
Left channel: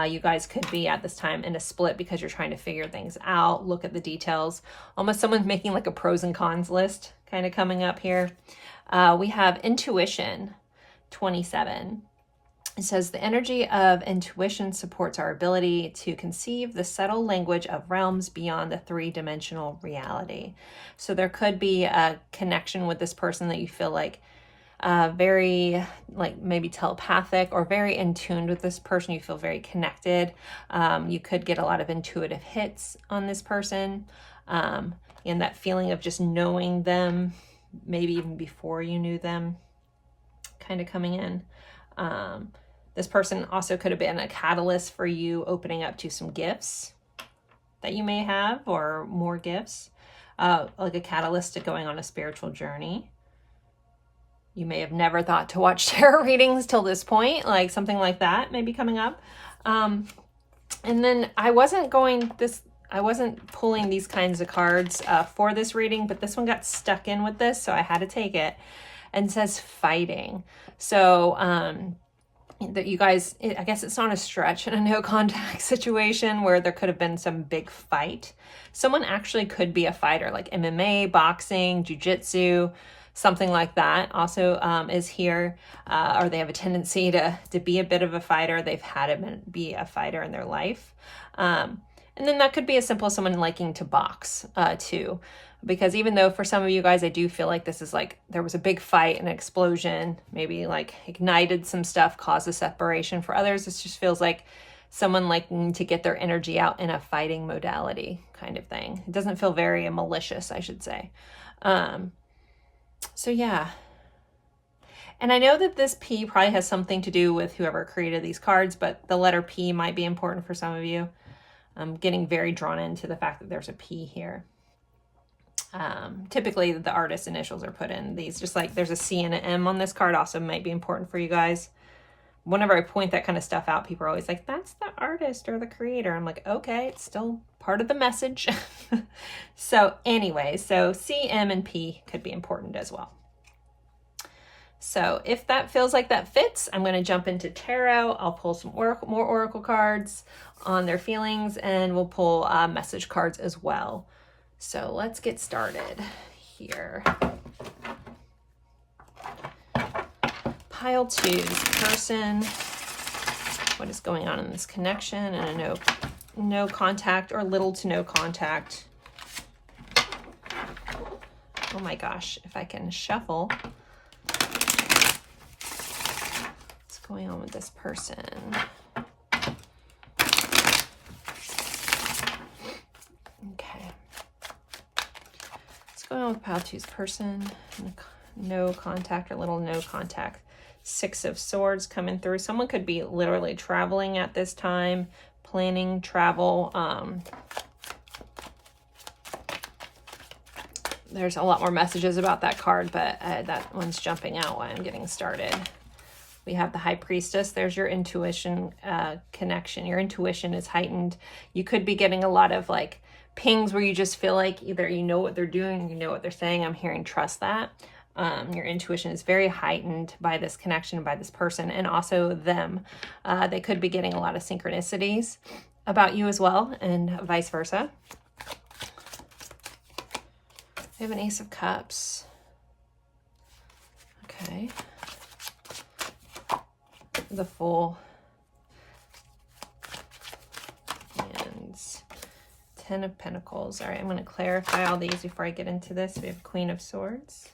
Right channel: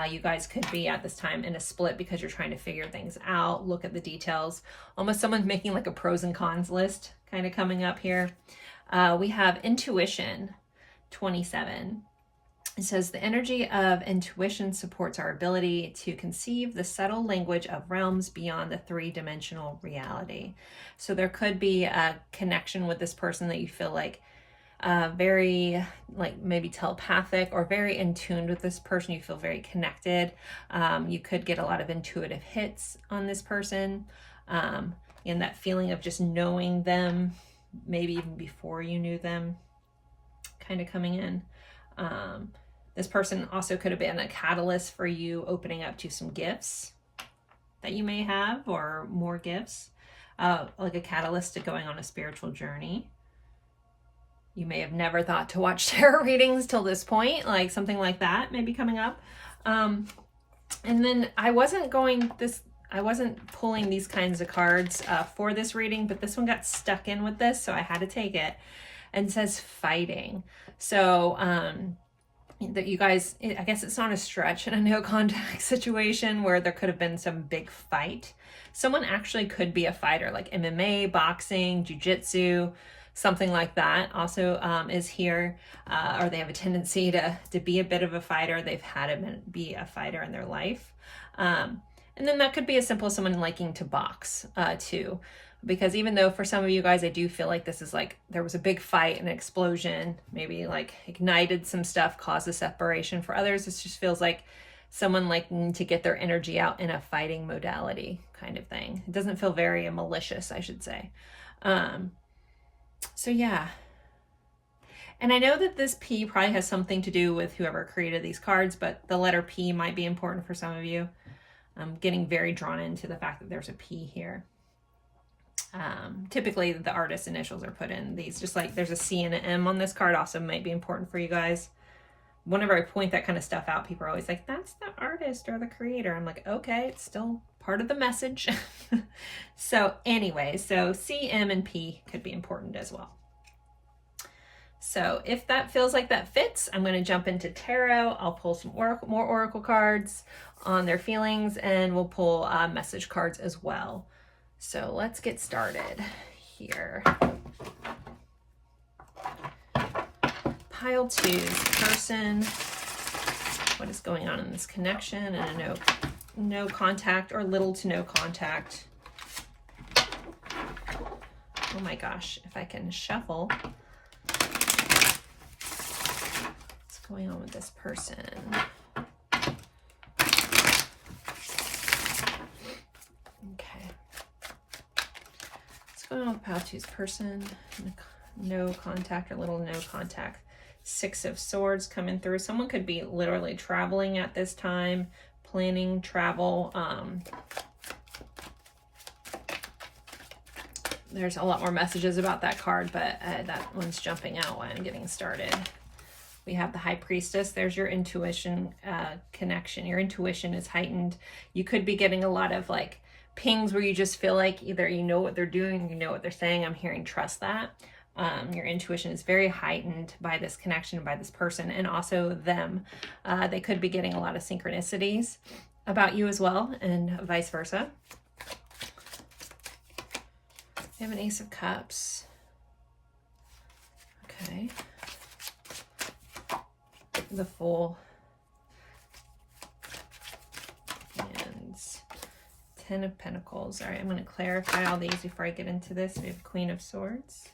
You guys could be at this time in a split because you're trying to figure things out, look at the details. Almost someone's making like a pros and cons list kind of coming up here. We have intuition, 27. It says the energy of intuition supports our ability to conceive the subtle language of realms beyond the 3-dimensional reality. So there could be a connection with this person that you feel like very like maybe telepathic, or very in tune with this person. You feel very connected. You could get a lot of intuitive hits on this person, and that feeling of just knowing them, maybe even before you knew them, kind of coming in. This person also could have been a catalyst for you opening up to some gifts that you may have, or more gifts, like a catalyst to going on a spiritual journey. You may have never thought to watch tarot readings till this point, like something like that may be coming up. And then I wasn't pulling these kinds of cards for this reading, but this one got stuck in with this, so I had to take it. and says fighting. So that you guys, I guess it's not a stretch in a no contact situation where there could have been some big fight. Someone actually could be a fighter, like MMA, boxing, jiu-jitsu, something like that also is here, or they have a tendency to be a bit of a fighter. They've had to be a fighter in their life. And then that could be as simple as someone liking to box too. Because even though for some of you guys, I do feel like this is like, there was a big fight, an explosion, maybe like ignited some stuff, caused a separation. For others, this just feels like someone liking to get their energy out in a fighting modality kind of thing. It doesn't feel very malicious, I should say. So yeah. And I know that this P probably has something to do with whoever created these cards, but the letter P might be important for some of you. I'm getting very drawn into the fact that there's a P here. Typically the artist's initials are put in these, just like there's a C and an M on this card also might be important for you guys. Whenever I point that kind of stuff out, people are always like, that's the artist or the creator. I'm like, okay, it's still part of the message. So anyway, so C, M, and P could be important as well. So if that feels like that fits, I'm going to jump into tarot. I'll pull some more oracle cards on their feelings, and we'll pull message cards as well. So let's get started here. Pile 2, person. What is going on in this connection? And a no contact or little to no contact. Oh my gosh, if I can shuffle. What's going on with this person? Okay. What's going on with Pile 2's person? No contact or little no contact. 6 of Swords coming through. Someone could be literally traveling at this time, planning travel. There's a lot more messages about that card, but that one's jumping out while I'm getting started. We have the High Priestess. There's your intuition connection. Your intuition is heightened. You could be getting a lot of like pings where you just feel like either you know what they're doing, you know what they're saying. I'm hearing trust that. Your intuition is very heightened by this connection, by this person, and also them. They could be getting a lot of synchronicities about you as well, and vice versa. We have an Ace of Cups. Okay. The Fool. And 10 of Pentacles. All right, I'm going to clarify all these before I get into this. We have Queen of Swords.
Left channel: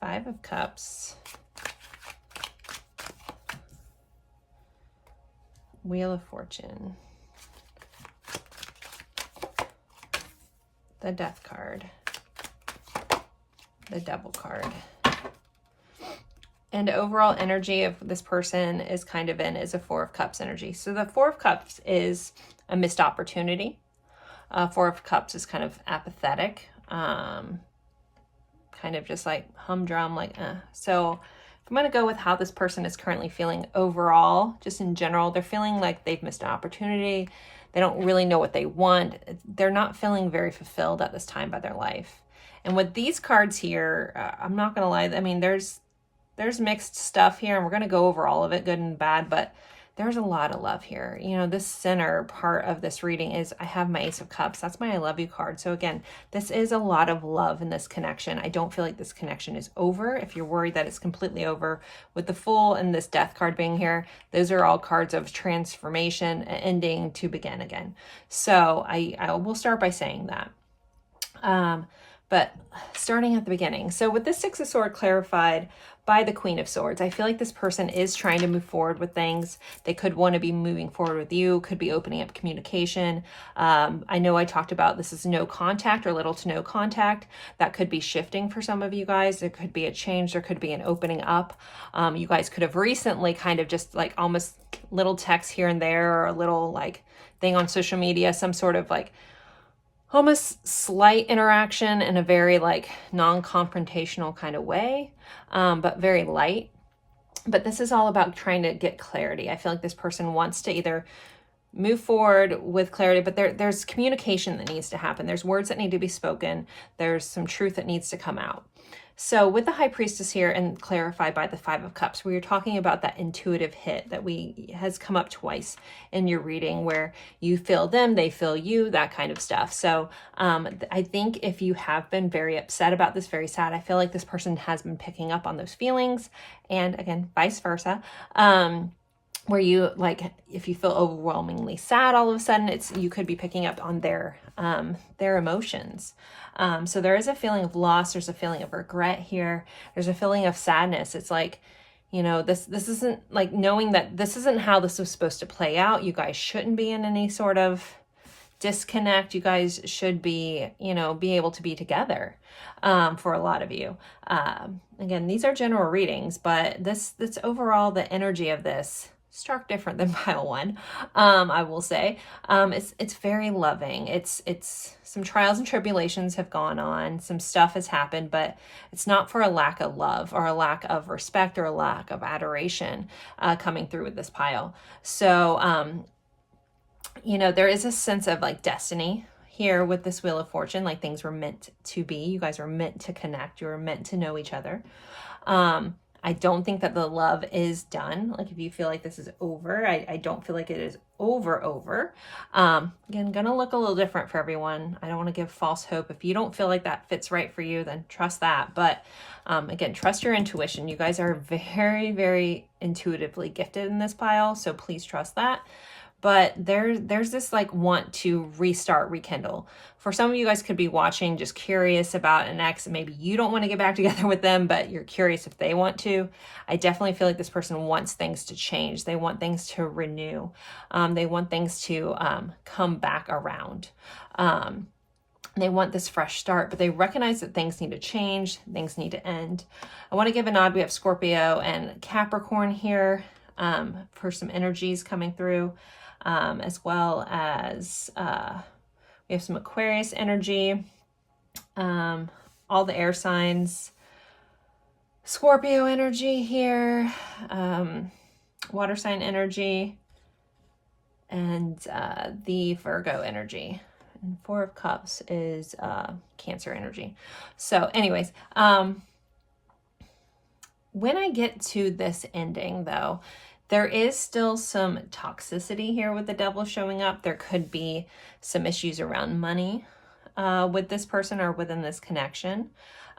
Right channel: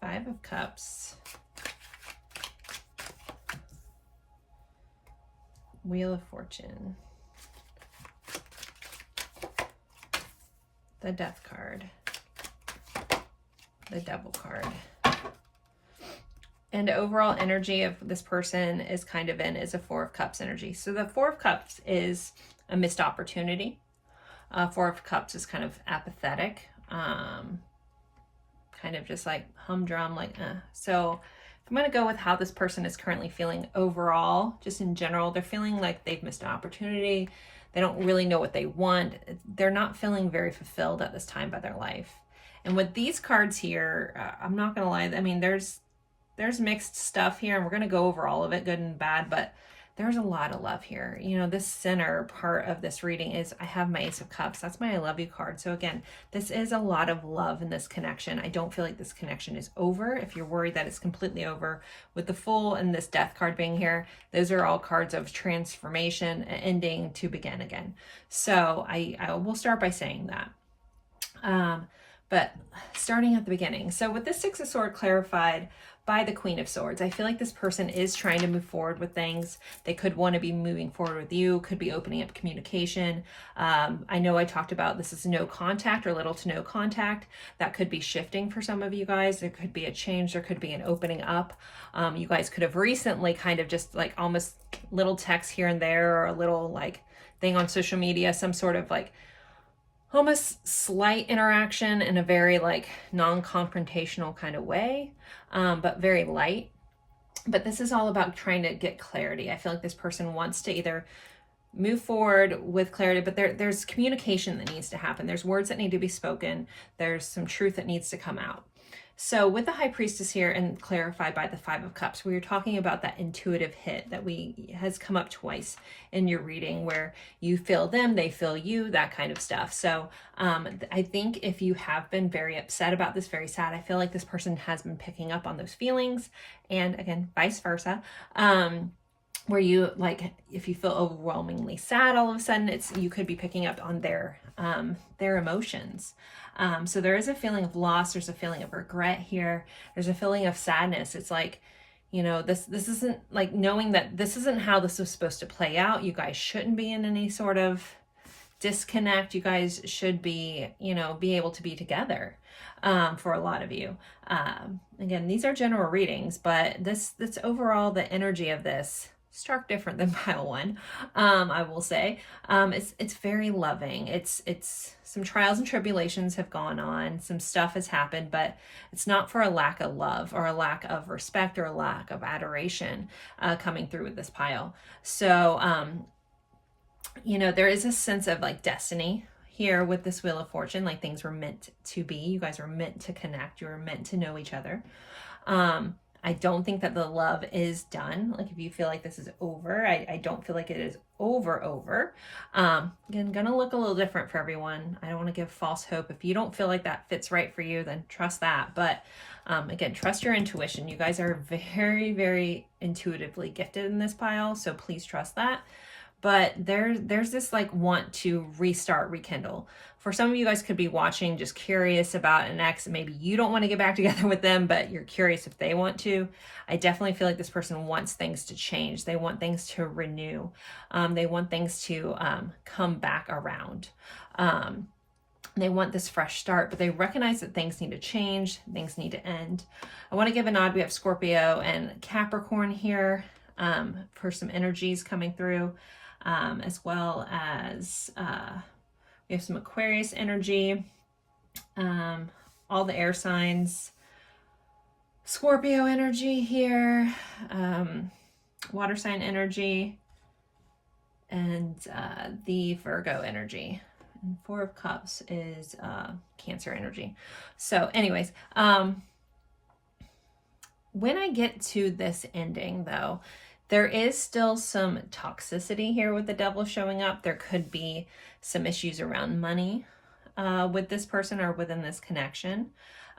5 of Cups. Wheel of Fortune. The Death card. The Devil card. And overall energy of this person is kind of is a 4 of Cups energy. So the 4 of Cups is a missed opportunity. 4 of Cups is kind of apathetic. Kind of just like humdrum, like, So I'm going to go with how this person is currently feeling overall, just in general. They're feeling like they've missed an opportunity. They don't really know what they want. They're not feeling very fulfilled at this time by their life. And with these cards here, I'm not going to lie. I mean, there's mixed stuff here, and we're going to go over all of it, good and bad, but there's a lot of love here. You know, this center part of this reading is I have my Ace of Cups. That's my I love you card. So again, this is a lot of love in this connection. I don't feel like this connection is over. If you're worried that it's completely over, with the Fool and this Death card being here, those are all cards of transformation, ending to begin again. So I will start by saying that. But starting at the beginning. So with this 6 of Swords clarified by the Queen of Swords, I feel like this person is trying to move forward with things. They could want to be moving forward with you, could be opening up communication. I know I talked about this is no contact or little to no contact. That could be shifting for some of you guys. There could be a change. There could be an opening up. You guys could have recently kind of just like almost little text here and there, or a little like thing on social media, some sort of like almost slight interaction in a very like non-confrontational kind of way, but very light. But this is all about trying to get clarity. I feel like this person wants to either move forward with clarity, but there's communication that needs to happen. There's words that need to be spoken. There's some truth that needs to come out. So with the High Priestess here, and clarified by the Five of Cups, we were talking about that intuitive hit that has come up twice in your reading, where you feel them, they feel you, that kind of stuff. So I think if you have been very upset about this, very sad, I feel like this person has been picking up on those feelings, and again, vice versa. Where you, like, if you feel overwhelmingly sad all of a sudden, you could be picking up on their emotions. So there is a feeling of loss. There's a feeling of regret here. There's a feeling of sadness. It's like, you know, this isn't, like, knowing that this isn't how this was supposed to play out. You guys shouldn't be in any sort of disconnect. You guys should be, you know, be able to be together, for a lot of you. Again, these are general readings, but this overall, the energy of this, stark different than pile one, I will say. It's very loving. It's some trials and tribulations have gone on, some stuff has happened, but it's not for a lack of love or a lack of respect or a lack of adoration coming through with this pile. So you know, there is a sense of like destiny here with this Wheel of Fortune, like things were meant to be. You guys were meant to connect. You were meant to know each other. I don't think that the love is done. Like, if you feel like this is over, I don't feel like it is over. Again, gonna look a little different for everyone. I don't want to give false hope. If you don't feel like that fits right for you, then trust that. But again, trust your intuition. You guys are very, very intuitively gifted in this pile, so please trust that. But there's this like want to restart, rekindle. For some of you guys could be watching, just curious about an ex, and maybe you don't want to get back together with them, but you're curious if they want to. I definitely feel like this person wants things to change. They want things to renew. They want things to come back around. They want this fresh start, but they recognize that things need to change, things need to end. I want to give a nod. We have Scorpio and Capricorn here for some energies coming through, as well as we have some Aquarius energy, all the air signs, Scorpio energy here, water sign energy, and the Virgo energy. And Four of Cups is Cancer energy. So anyways, when I get to this ending though, there is still some toxicity here with the Devil showing up. There could be some issues around money with this person or within this connection.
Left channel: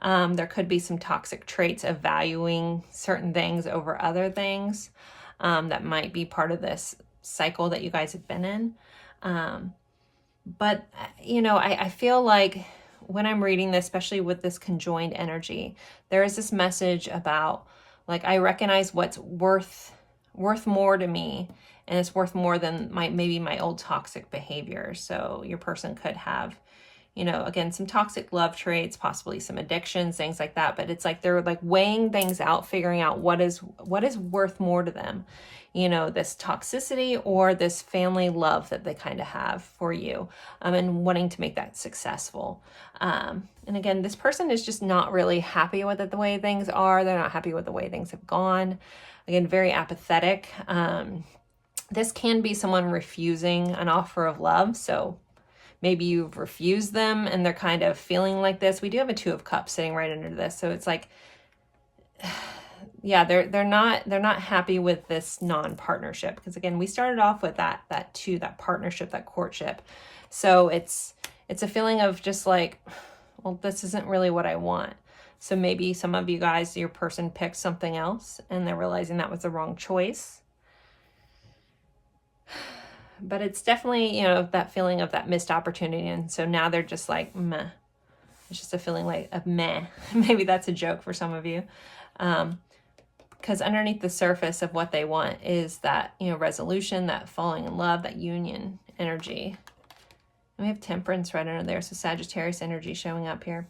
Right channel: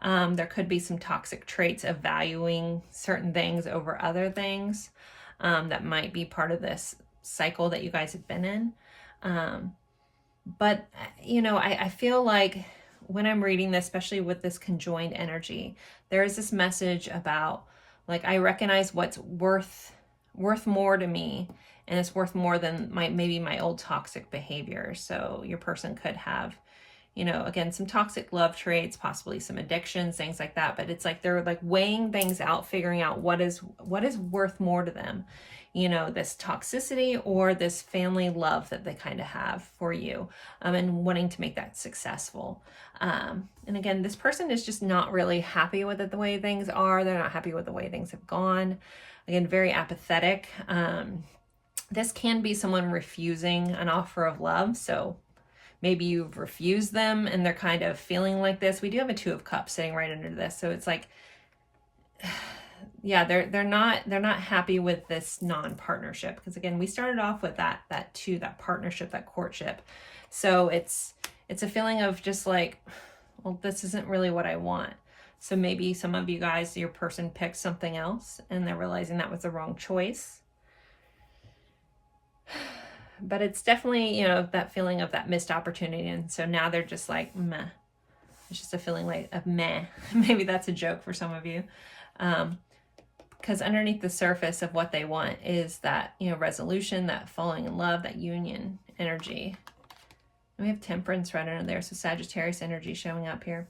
There could be some toxic traits of valuing certain things over other things that might be part of this cycle that you guys have been in. But, you know, I feel like when I'm reading this, especially with this conjoined energy, there is this message about, like, I recognize what's worth more to me, and it's worth more than maybe my old toxic behavior. So your person could have, you know, again, some toxic love traits, possibly some addictions, things like that. But it's like they're like weighing things out, figuring out what is worth more to them, you know, this toxicity or this family love that they kind of have for you, and wanting to make that successful. And again, this person is just not really happy with it the way things are. They're not happy with the way things have gone. Again, very apathetic. This can be someone refusing an offer of love. So maybe you've refused them and they're kind of feeling like this. We do have a Two of Cups sitting right under this. So it's like, yeah, they're not happy with this non-partnership. Because again, we started off with that partnership, that courtship. So it's a feeling of just like, well, this isn't really what I want. So maybe some of you guys, your person picked something else and they're realizing that was the wrong choice. But it's definitely, you know, that feeling of that missed opportunity. And so now they're just like, meh. It's just a feeling like a meh. Maybe that's a joke for some of you. Because underneath the surface of what they want is that, you know, resolution, that falling in love, that union energy. And we have Temperance right under there. So Sagittarius energy showing up here.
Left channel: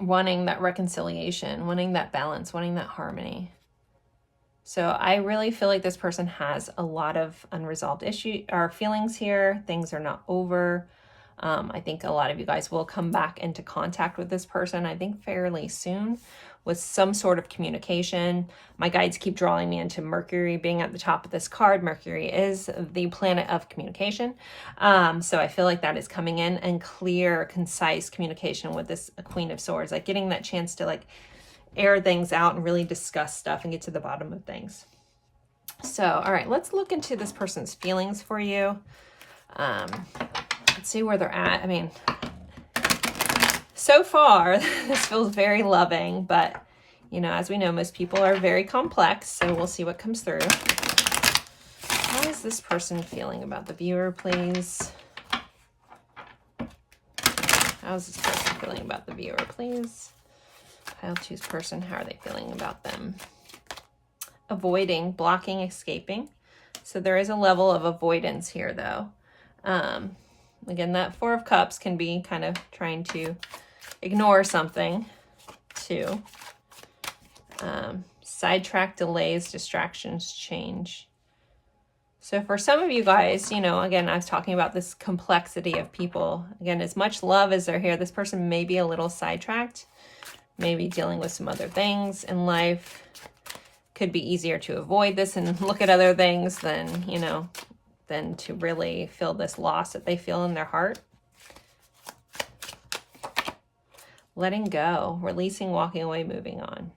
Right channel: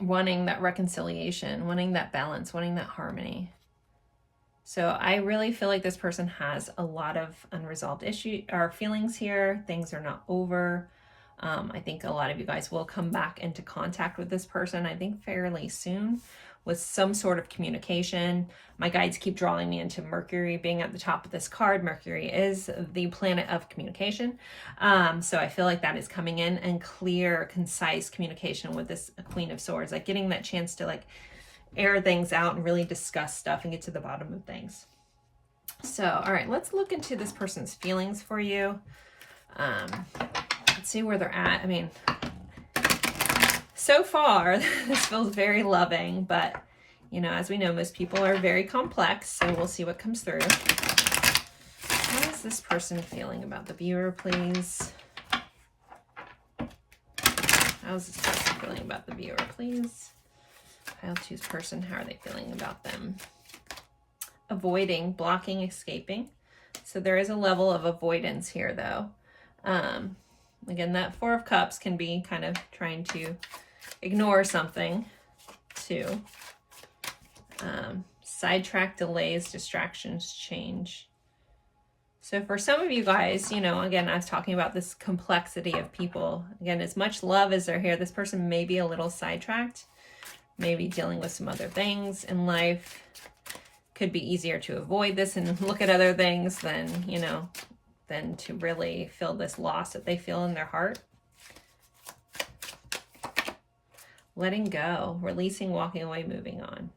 Wanting that reconciliation, wanting that balance, wanting that harmony. So I really feel like this person has a lot of unresolved issues or feelings here. Things are not over. I think a lot of you guys will come back into contact with this person, I think fairly soon, with some sort of communication. My guides keep drawing me into Mercury being at the top of this card. Mercury is the planet of communication. So I feel like that is coming in, and clear, concise communication with this Queen of Swords, like getting that chance to like air things out and really discuss stuff and get to the bottom of things. So, all right, let's look into this person's feelings for you. Let's see where they're at. I mean, so far, this feels very loving, but, you know, as we know, most people are very complex, so we'll see what comes through. How is this person feeling about the viewer, please? How is this person feeling about the viewer, please? Pile 2's person, how are they feeling about them? Avoiding, blocking, escaping. So there is a level of avoidance here, though. Again, that 4 of Cups can be kind of trying to ignore something, too. Sidetrack, delays, distractions, change. So for some of you guys, you know, again, I was talking about this complexity of people. Again, as much love as they're here, this person may be a little sidetracked, maybe dealing with some other things in life. Could be easier to avoid this and look at other things than, you know, than to really feel this loss that they feel in their heart. Letting go, releasing, walking away, moving on.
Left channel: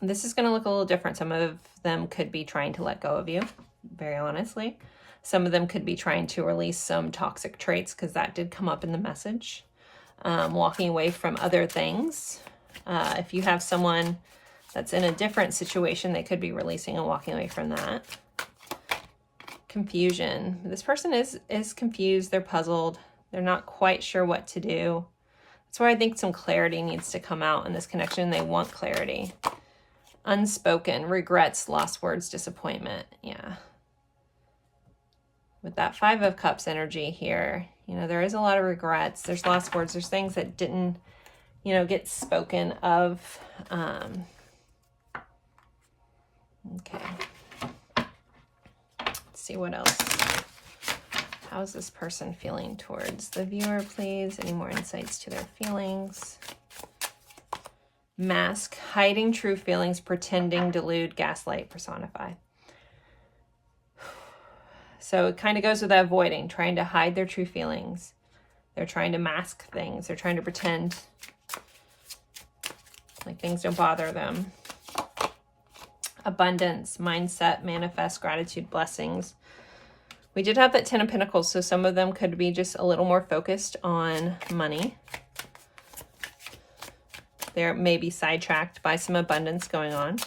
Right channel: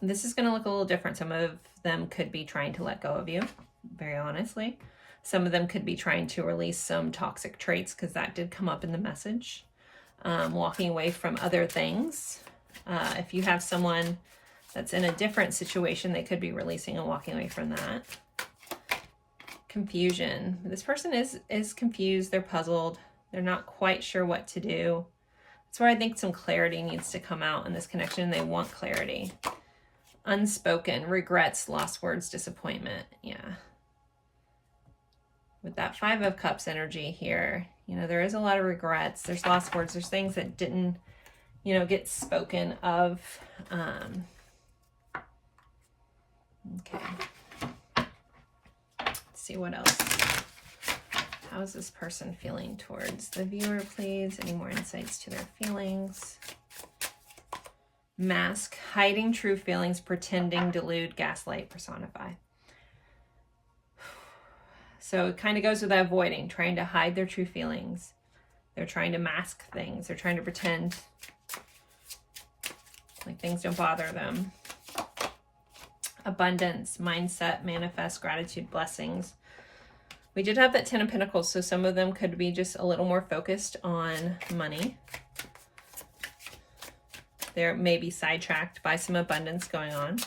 This is going to look a little different. Some of them could be trying to let go of you, very honestly. Some of them could be trying to release some toxic traits, because that did come up in the message. Walking away from other things. If you have someone that's in a different situation, they could be releasing and walking away from that. Confusion. This person is confused. They're puzzled. They're not quite sure what to do. That's where I think some clarity needs to come out in this connection. They want clarity. Unspoken. Regrets, lost words, disappointment. Yeah. With that 5 of Cups energy here, you know, there is a lot of regrets. There's lost words. There's things that didn't, you know, get spoken of. Okay. Let's see what else. How is this person feeling towards the viewer, please? Any more insights to their feelings? Mask, hiding true feelings, pretending, delude, gaslight, personify. So it kind of goes with that avoiding, trying to hide their true feelings. They're trying to mask things. They're trying to pretend like things don't bother them. Abundance, mindset, manifest, gratitude, blessings. We did have that 10 of Pentacles, so some of them could be just a little more focused on money. They're maybe sidetracked by some abundance going on.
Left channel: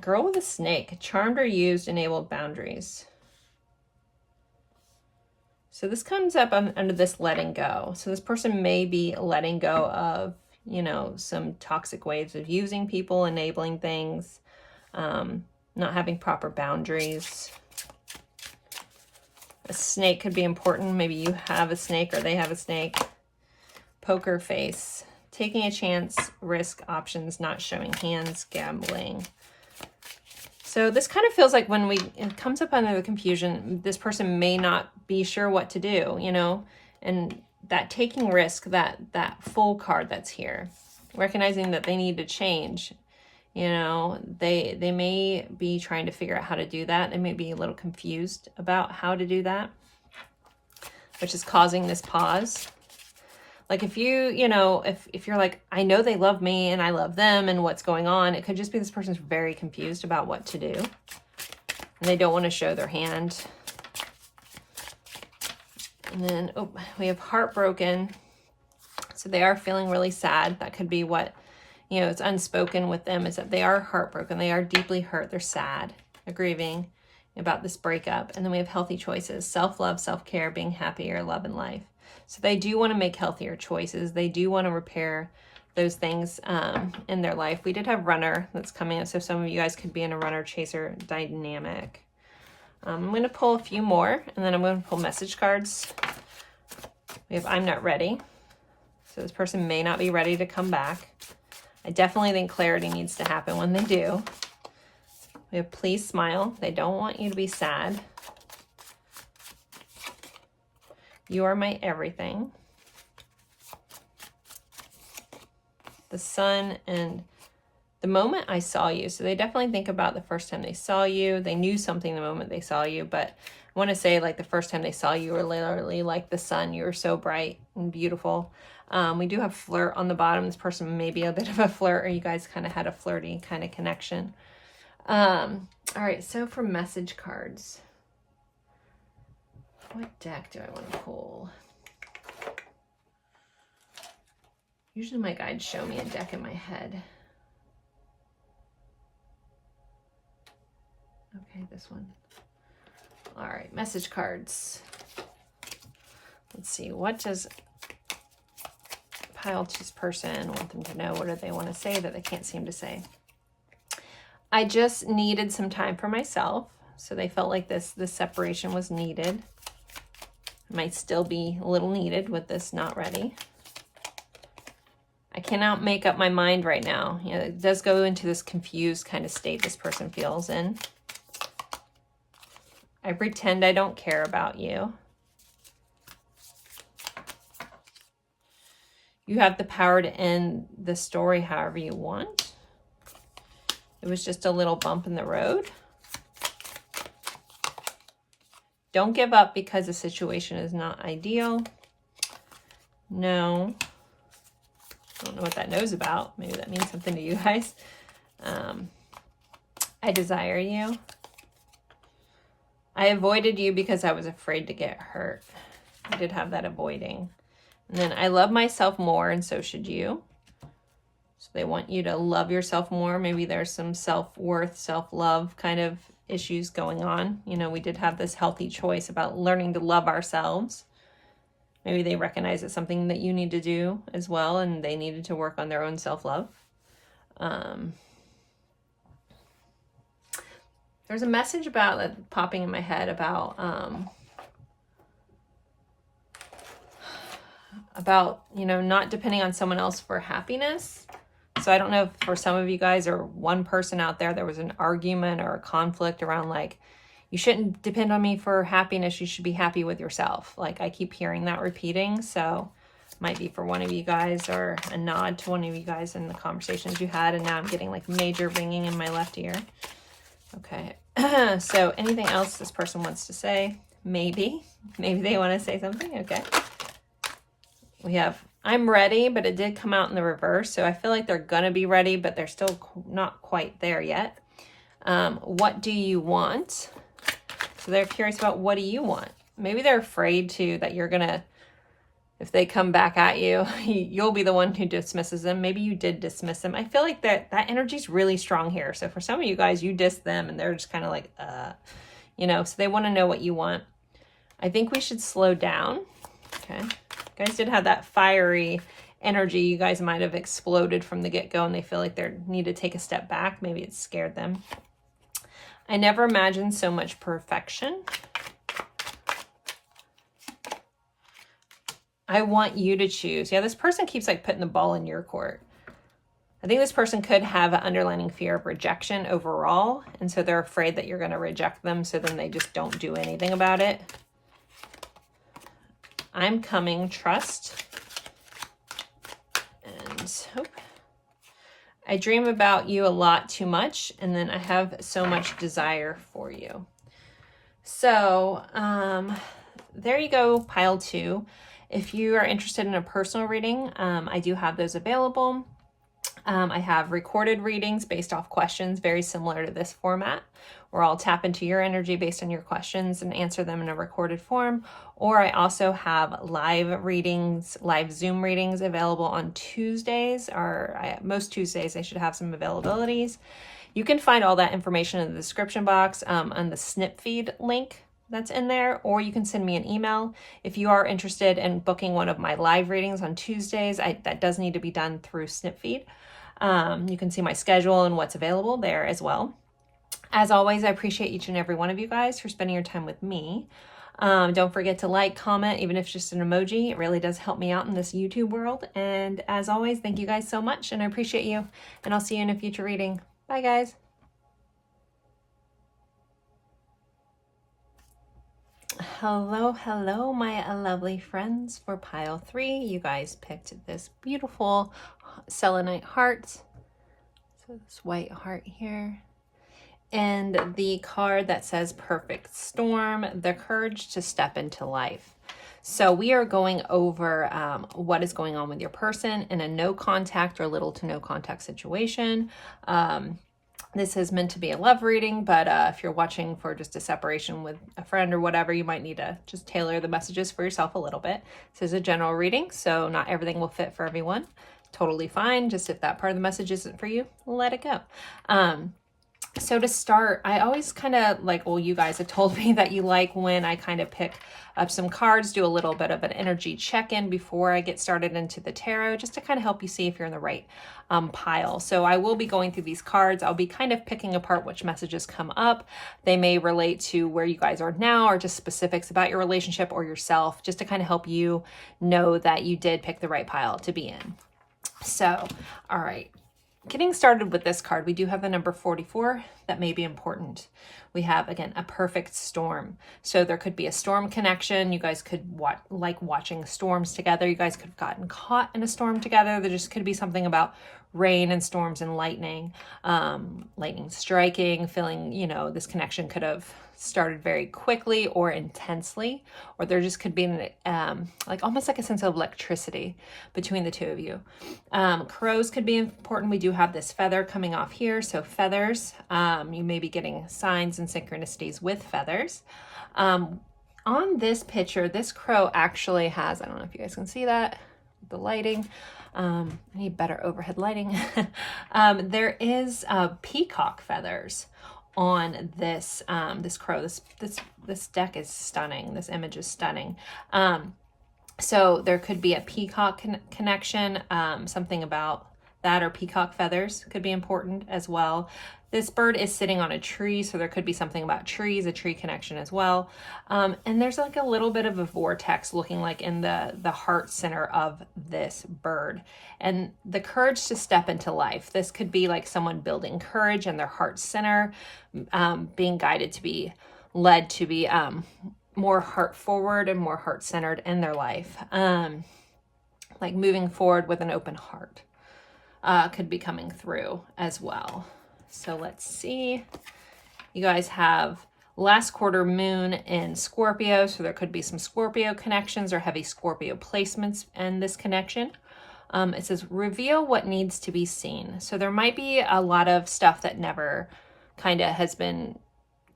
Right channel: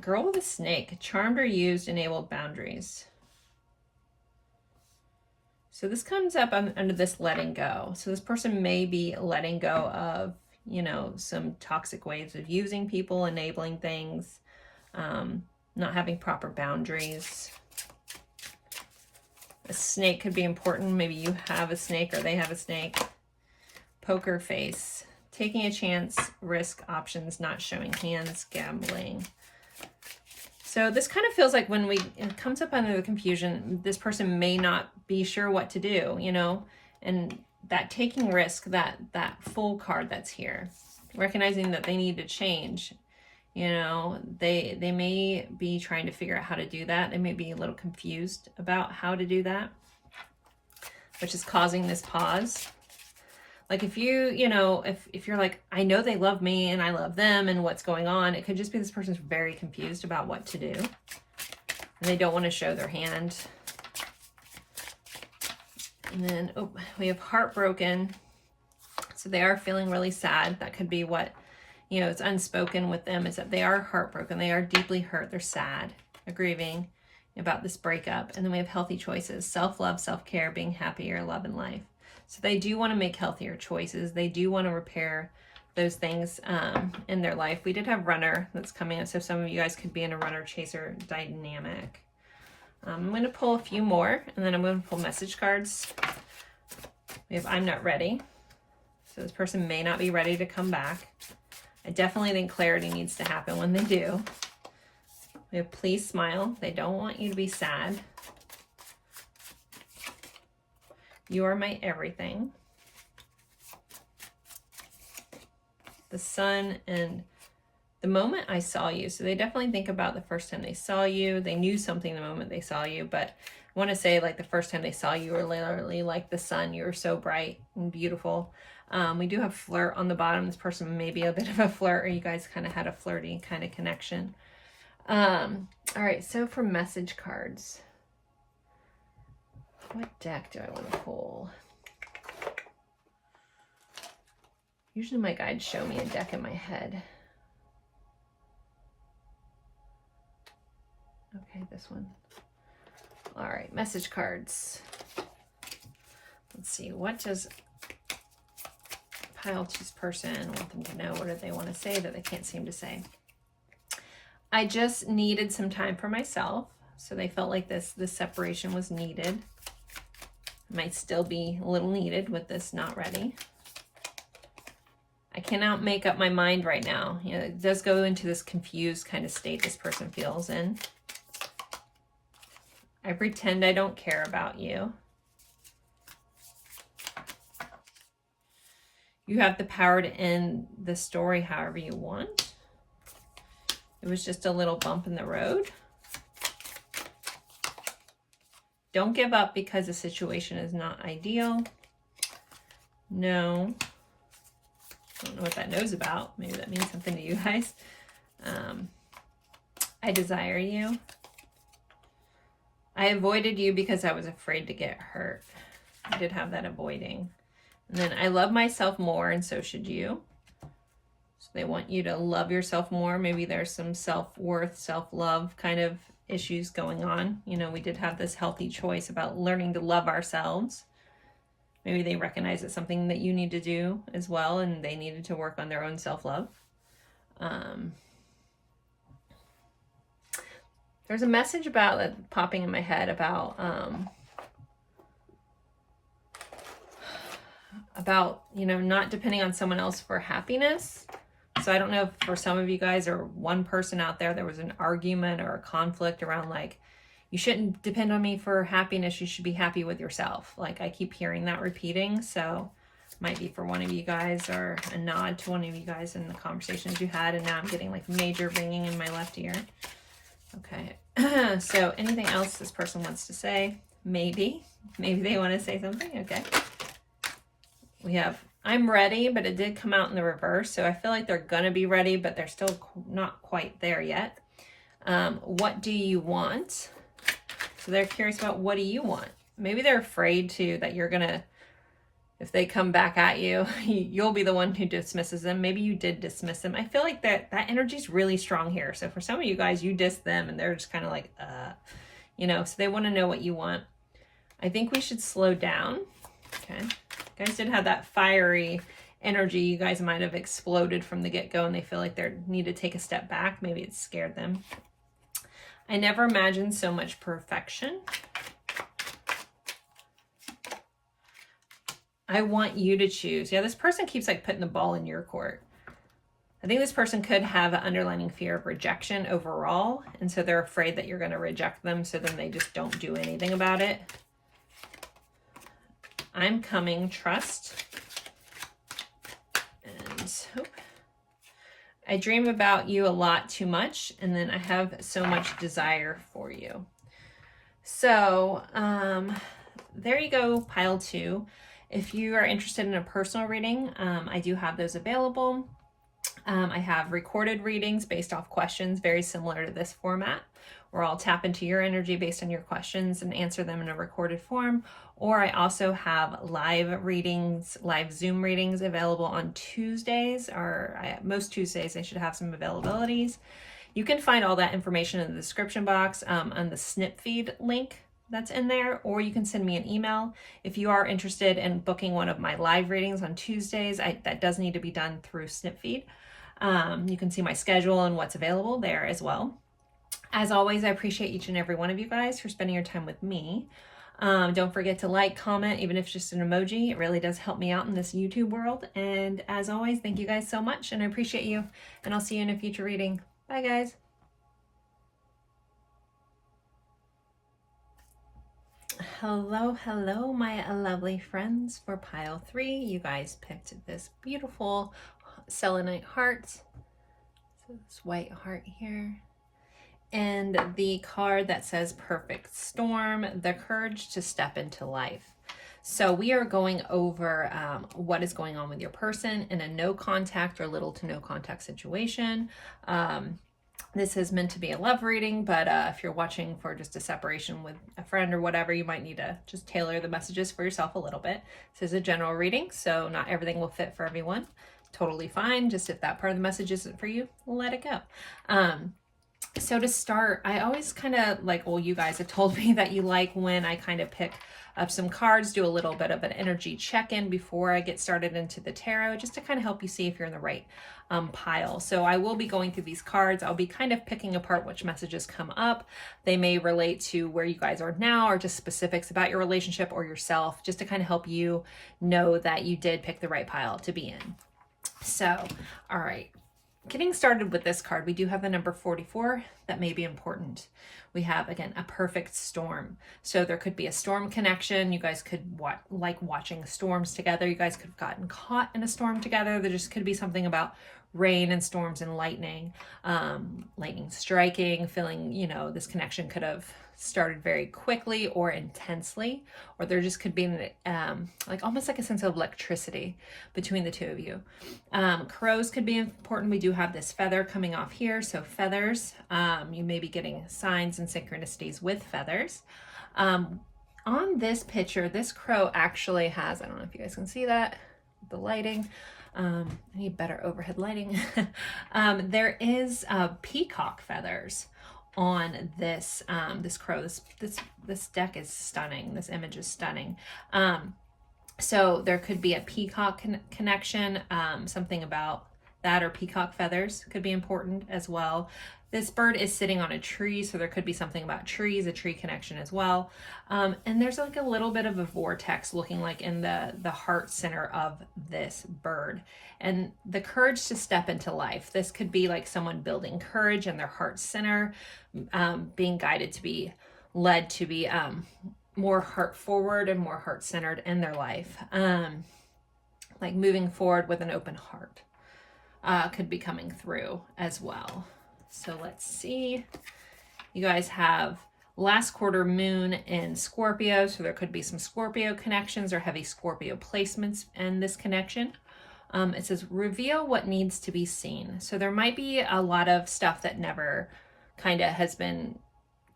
Girl with a snake, charmed or used, enabled boundaries. So this comes up under this letting go. So this person may be letting go of, you know, some toxic ways of using people, enabling things, not having proper boundaries. A snake could be important. Maybe you have a snake or they have a snake. Poker face. Taking a chance, risk, options, not showing hands, gambling. So this kind of feels like when it comes up under the confusion, this person may not be sure what to do, you know, and that taking risk, that full card that's here, recognizing that they need to change, you know, they may be trying to figure out how to do that. They may be a little confused about how to do that, which is causing this pause. Like if you know, if you're like, I know they love me and I love them and what's going on, it could just be this person's very confused about what to do. And they don't want to show their hand. And then, oh, we have heartbroken. So they are feeling really sad. That could be what, you know, it's unspoken with them, is that they are heartbroken. They are deeply hurt. They're sad. They're grieving about this breakup. And then we have healthy choices, self-love, self-care, being happier, love and life. So they do want to make healthier choices. They do want to repair those things in their life. We did have runner that's coming up. So some of you guys could be in a runner chaser dynamic. I'm going to pull a few more, and then I'm going to pull message cards. We have I'm not ready. So this person may not be ready to come back. I definitely think clarity needs to happen when they do. We have please smile. They don't want you to be sad. You are my everything. the sun and the moment I saw you. So they definitely think about the first time they saw you. They knew something the moment they saw you, but I want to say like the first time they saw you were literally like the sun. You were so bright and beautiful. We do have flirt on the bottom. This person may be a bit of a flirt, or you guys kind of had a flirty kind of connection. All right, so for message cards, what deck do I want to pull? Usually my guides show me a deck in my head. Okay, this one. All right, message cards. Let's see, what does pile 2's person want them to know? What do they want to say that they can't seem to say? I just needed some time for myself. So they felt like this separation was needed. Might still be a little needed with this not ready. I cannot make up my mind right now. You know, it does go into this confused kind of state this person feels in. I pretend I don't care about you. You have the power to end the story however you want. It was just a little bump in the road. Don't give up because the situation is not ideal. No. I don't know what that knows about. Maybe that means something to you guys. I desire you. I avoided you because I was afraid to get hurt. I did have that avoiding. And then I love myself more, and so should you. So they want you to love yourself more. Maybe there's some self-worth, self-love kind of issues going on. You know, we did have this healthy choice about learning to love ourselves. Maybe they recognize it's something that you need to do as well, and they needed to work on their own self-love. There's a message about popping in my head about, you know, not depending on someone else for happiness. So I don't know if for some of you guys or one person out there was an argument or a conflict around like, you shouldn't depend on me for happiness. You should be happy with yourself. Like I keep hearing that repeating. So might be for one of you guys or a nod to one of you guys in the conversations you had. And now I'm getting like major ringing in my left ear. Okay. So anything else this person wants to say? Maybe they want to say something. Okay. We have, I'm ready, but it did come out in the reverse. So I feel like they're going to be ready, but they're still not quite there yet. What do you want? So they're curious about what do you want? Maybe they're afraid too that you're going to, if they come back at you, you'll be the one who dismisses them. Maybe you did dismiss them. I feel like that energy is really strong here. So for some of you guys, you diss them and they're just kind of like, you know, so they want to know what you want. I think we should slow down. Okay. You guys did have that fiery energy. You guys might have exploded from the get-go and they feel like they need to take a step back. Maybe it scared them. I never imagined so much perfection. I want you to choose. Yeah, this person keeps like putting the ball in your court. I think this person could have an underlying fear of rejection overall. And so they're afraid that you're going to reject them. So then they just don't do anything about it. I'm coming, trust. And hope. I dream about you a lot too much. And then I have so much desire for you. So there you go, pile 2. If you are interested in a personal reading, I do have those available. I have recorded readings based off questions, very similar to this format, where I'll tap into your energy based on your questions and answer them in a recorded form. Or I also have live readings, live Zoom readings available on Tuesdays, or most Tuesdays I should have some availabilities. You can find all that information in the description box on the snip feed link that's in there, or you can send me an email. If you are interested in booking one of my live readings on Tuesdays, that does need to be done through Snipfeed. You can see my schedule and what's available there as well. As always, I appreciate each and every one of you guys for spending your time with me. Don't forget to like, comment, even if it's just an emoji. It really does help me out in this YouTube world. And as always, thank you guys so much, and I appreciate you. And I'll see you in a future reading. Bye, guys. Hello, my lovely friends. For pile 3, you guys picked this beautiful selenite hearts. So this white heart here. And the card that says perfect storm, the courage to step into life. So we are going over what is going on with your person in a no contact or little to no contact situation. This is meant to be a love reading, but if you're watching for just a separation with a friend or whatever, you might need to just tailor the messages for yourself a little bit. This is a general reading, so not everything will fit for everyone. Totally fine. Just if that part of the message isn't for you, let it go. So to start, I always kind of like, well, you guys have told me that you like when I kind of pick up some cards, do a little bit of an energy check-in before I get started into the tarot, just to kind of help you see if you're in the right pile. So I will be going through these cards. I'll be kind of picking apart which messages come up. They may relate to where you guys are now or just specifics about your relationship or yourself, just to kind of help you know that you did pick the right pile to be in. So, all right. Getting started with this card, we do have the number 44 that may be important. We have, again, a perfect storm. So there could be a storm connection. You guys could like watching storms together. You guys could have gotten caught in a storm together. There just could be something about rain and storms and lightning, lightning striking, feeling, you know, this connection could have started very quickly or intensely, or there just could be like almost like a sense of electricity between the two of you. Crows could be important. We do have this feather coming off here, so feathers, you may be getting signs and synchronicities with feathers. On this picture, this crow actually has, I don't know if you guys can see that, the lighting, I need better overhead lighting. There is peacock feathers on this this crow. This deck is stunning. This image is stunning. So there could be a peacock connection, something about that, or peacock feathers could be important as well. This bird is sitting on a tree, so there could be something about trees, a tree connection as well. And there's like a little bit of a vortex looking like in the heart center of this bird. And the courage to step into life. This could be like someone building courage in their heart center, being guided to be led to be more heart forward and more heart centered in their life. Like moving forward with an open heart could be coming through as well. So let's see. You guys have last quarter moon in Scorpio, so there could be some Scorpio connections or heavy Scorpio placements in this connection. It says reveal what needs to be seen. So there might be a lot of stuff that never kind of has been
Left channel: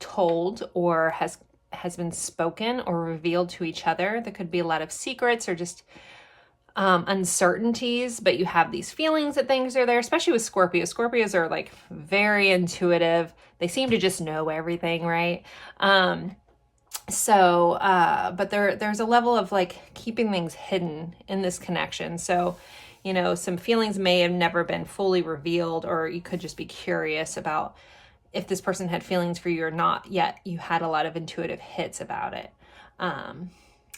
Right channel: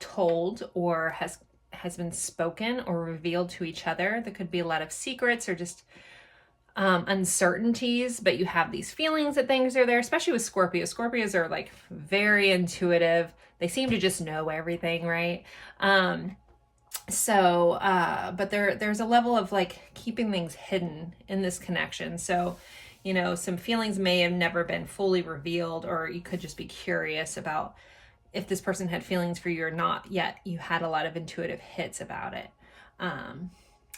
told or has been spoken or revealed to each other. There could be a lot of secrets or just uncertainties, but you have these feelings that things are there, especially with Scorpio. Scorpios are like very intuitive. They seem to just know everything, right? But there's a level of like keeping things hidden in this connection. So, you know, some feelings may have never been fully revealed, or you could just be curious about if this person had feelings for you or not, yet you had a lot of intuitive hits about it.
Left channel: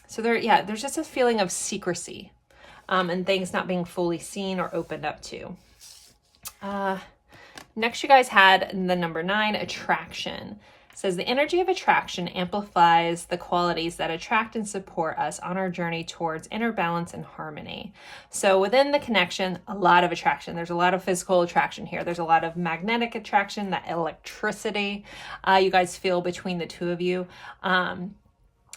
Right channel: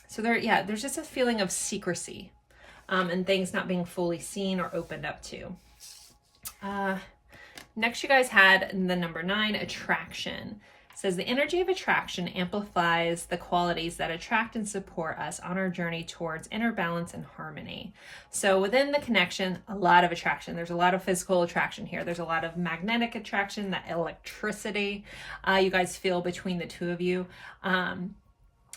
So there's just a feeling of secrecy. And things not being fully seen or opened up to. Next, you guys had the number 9, attraction. It says the energy of attraction amplifies the qualities that attract and support us on our journey towards inner balance and harmony. So within the connection, a lot of attraction. There's a lot of physical attraction here. There's a lot of magnetic attraction, that electricity you guys feel between the two of you.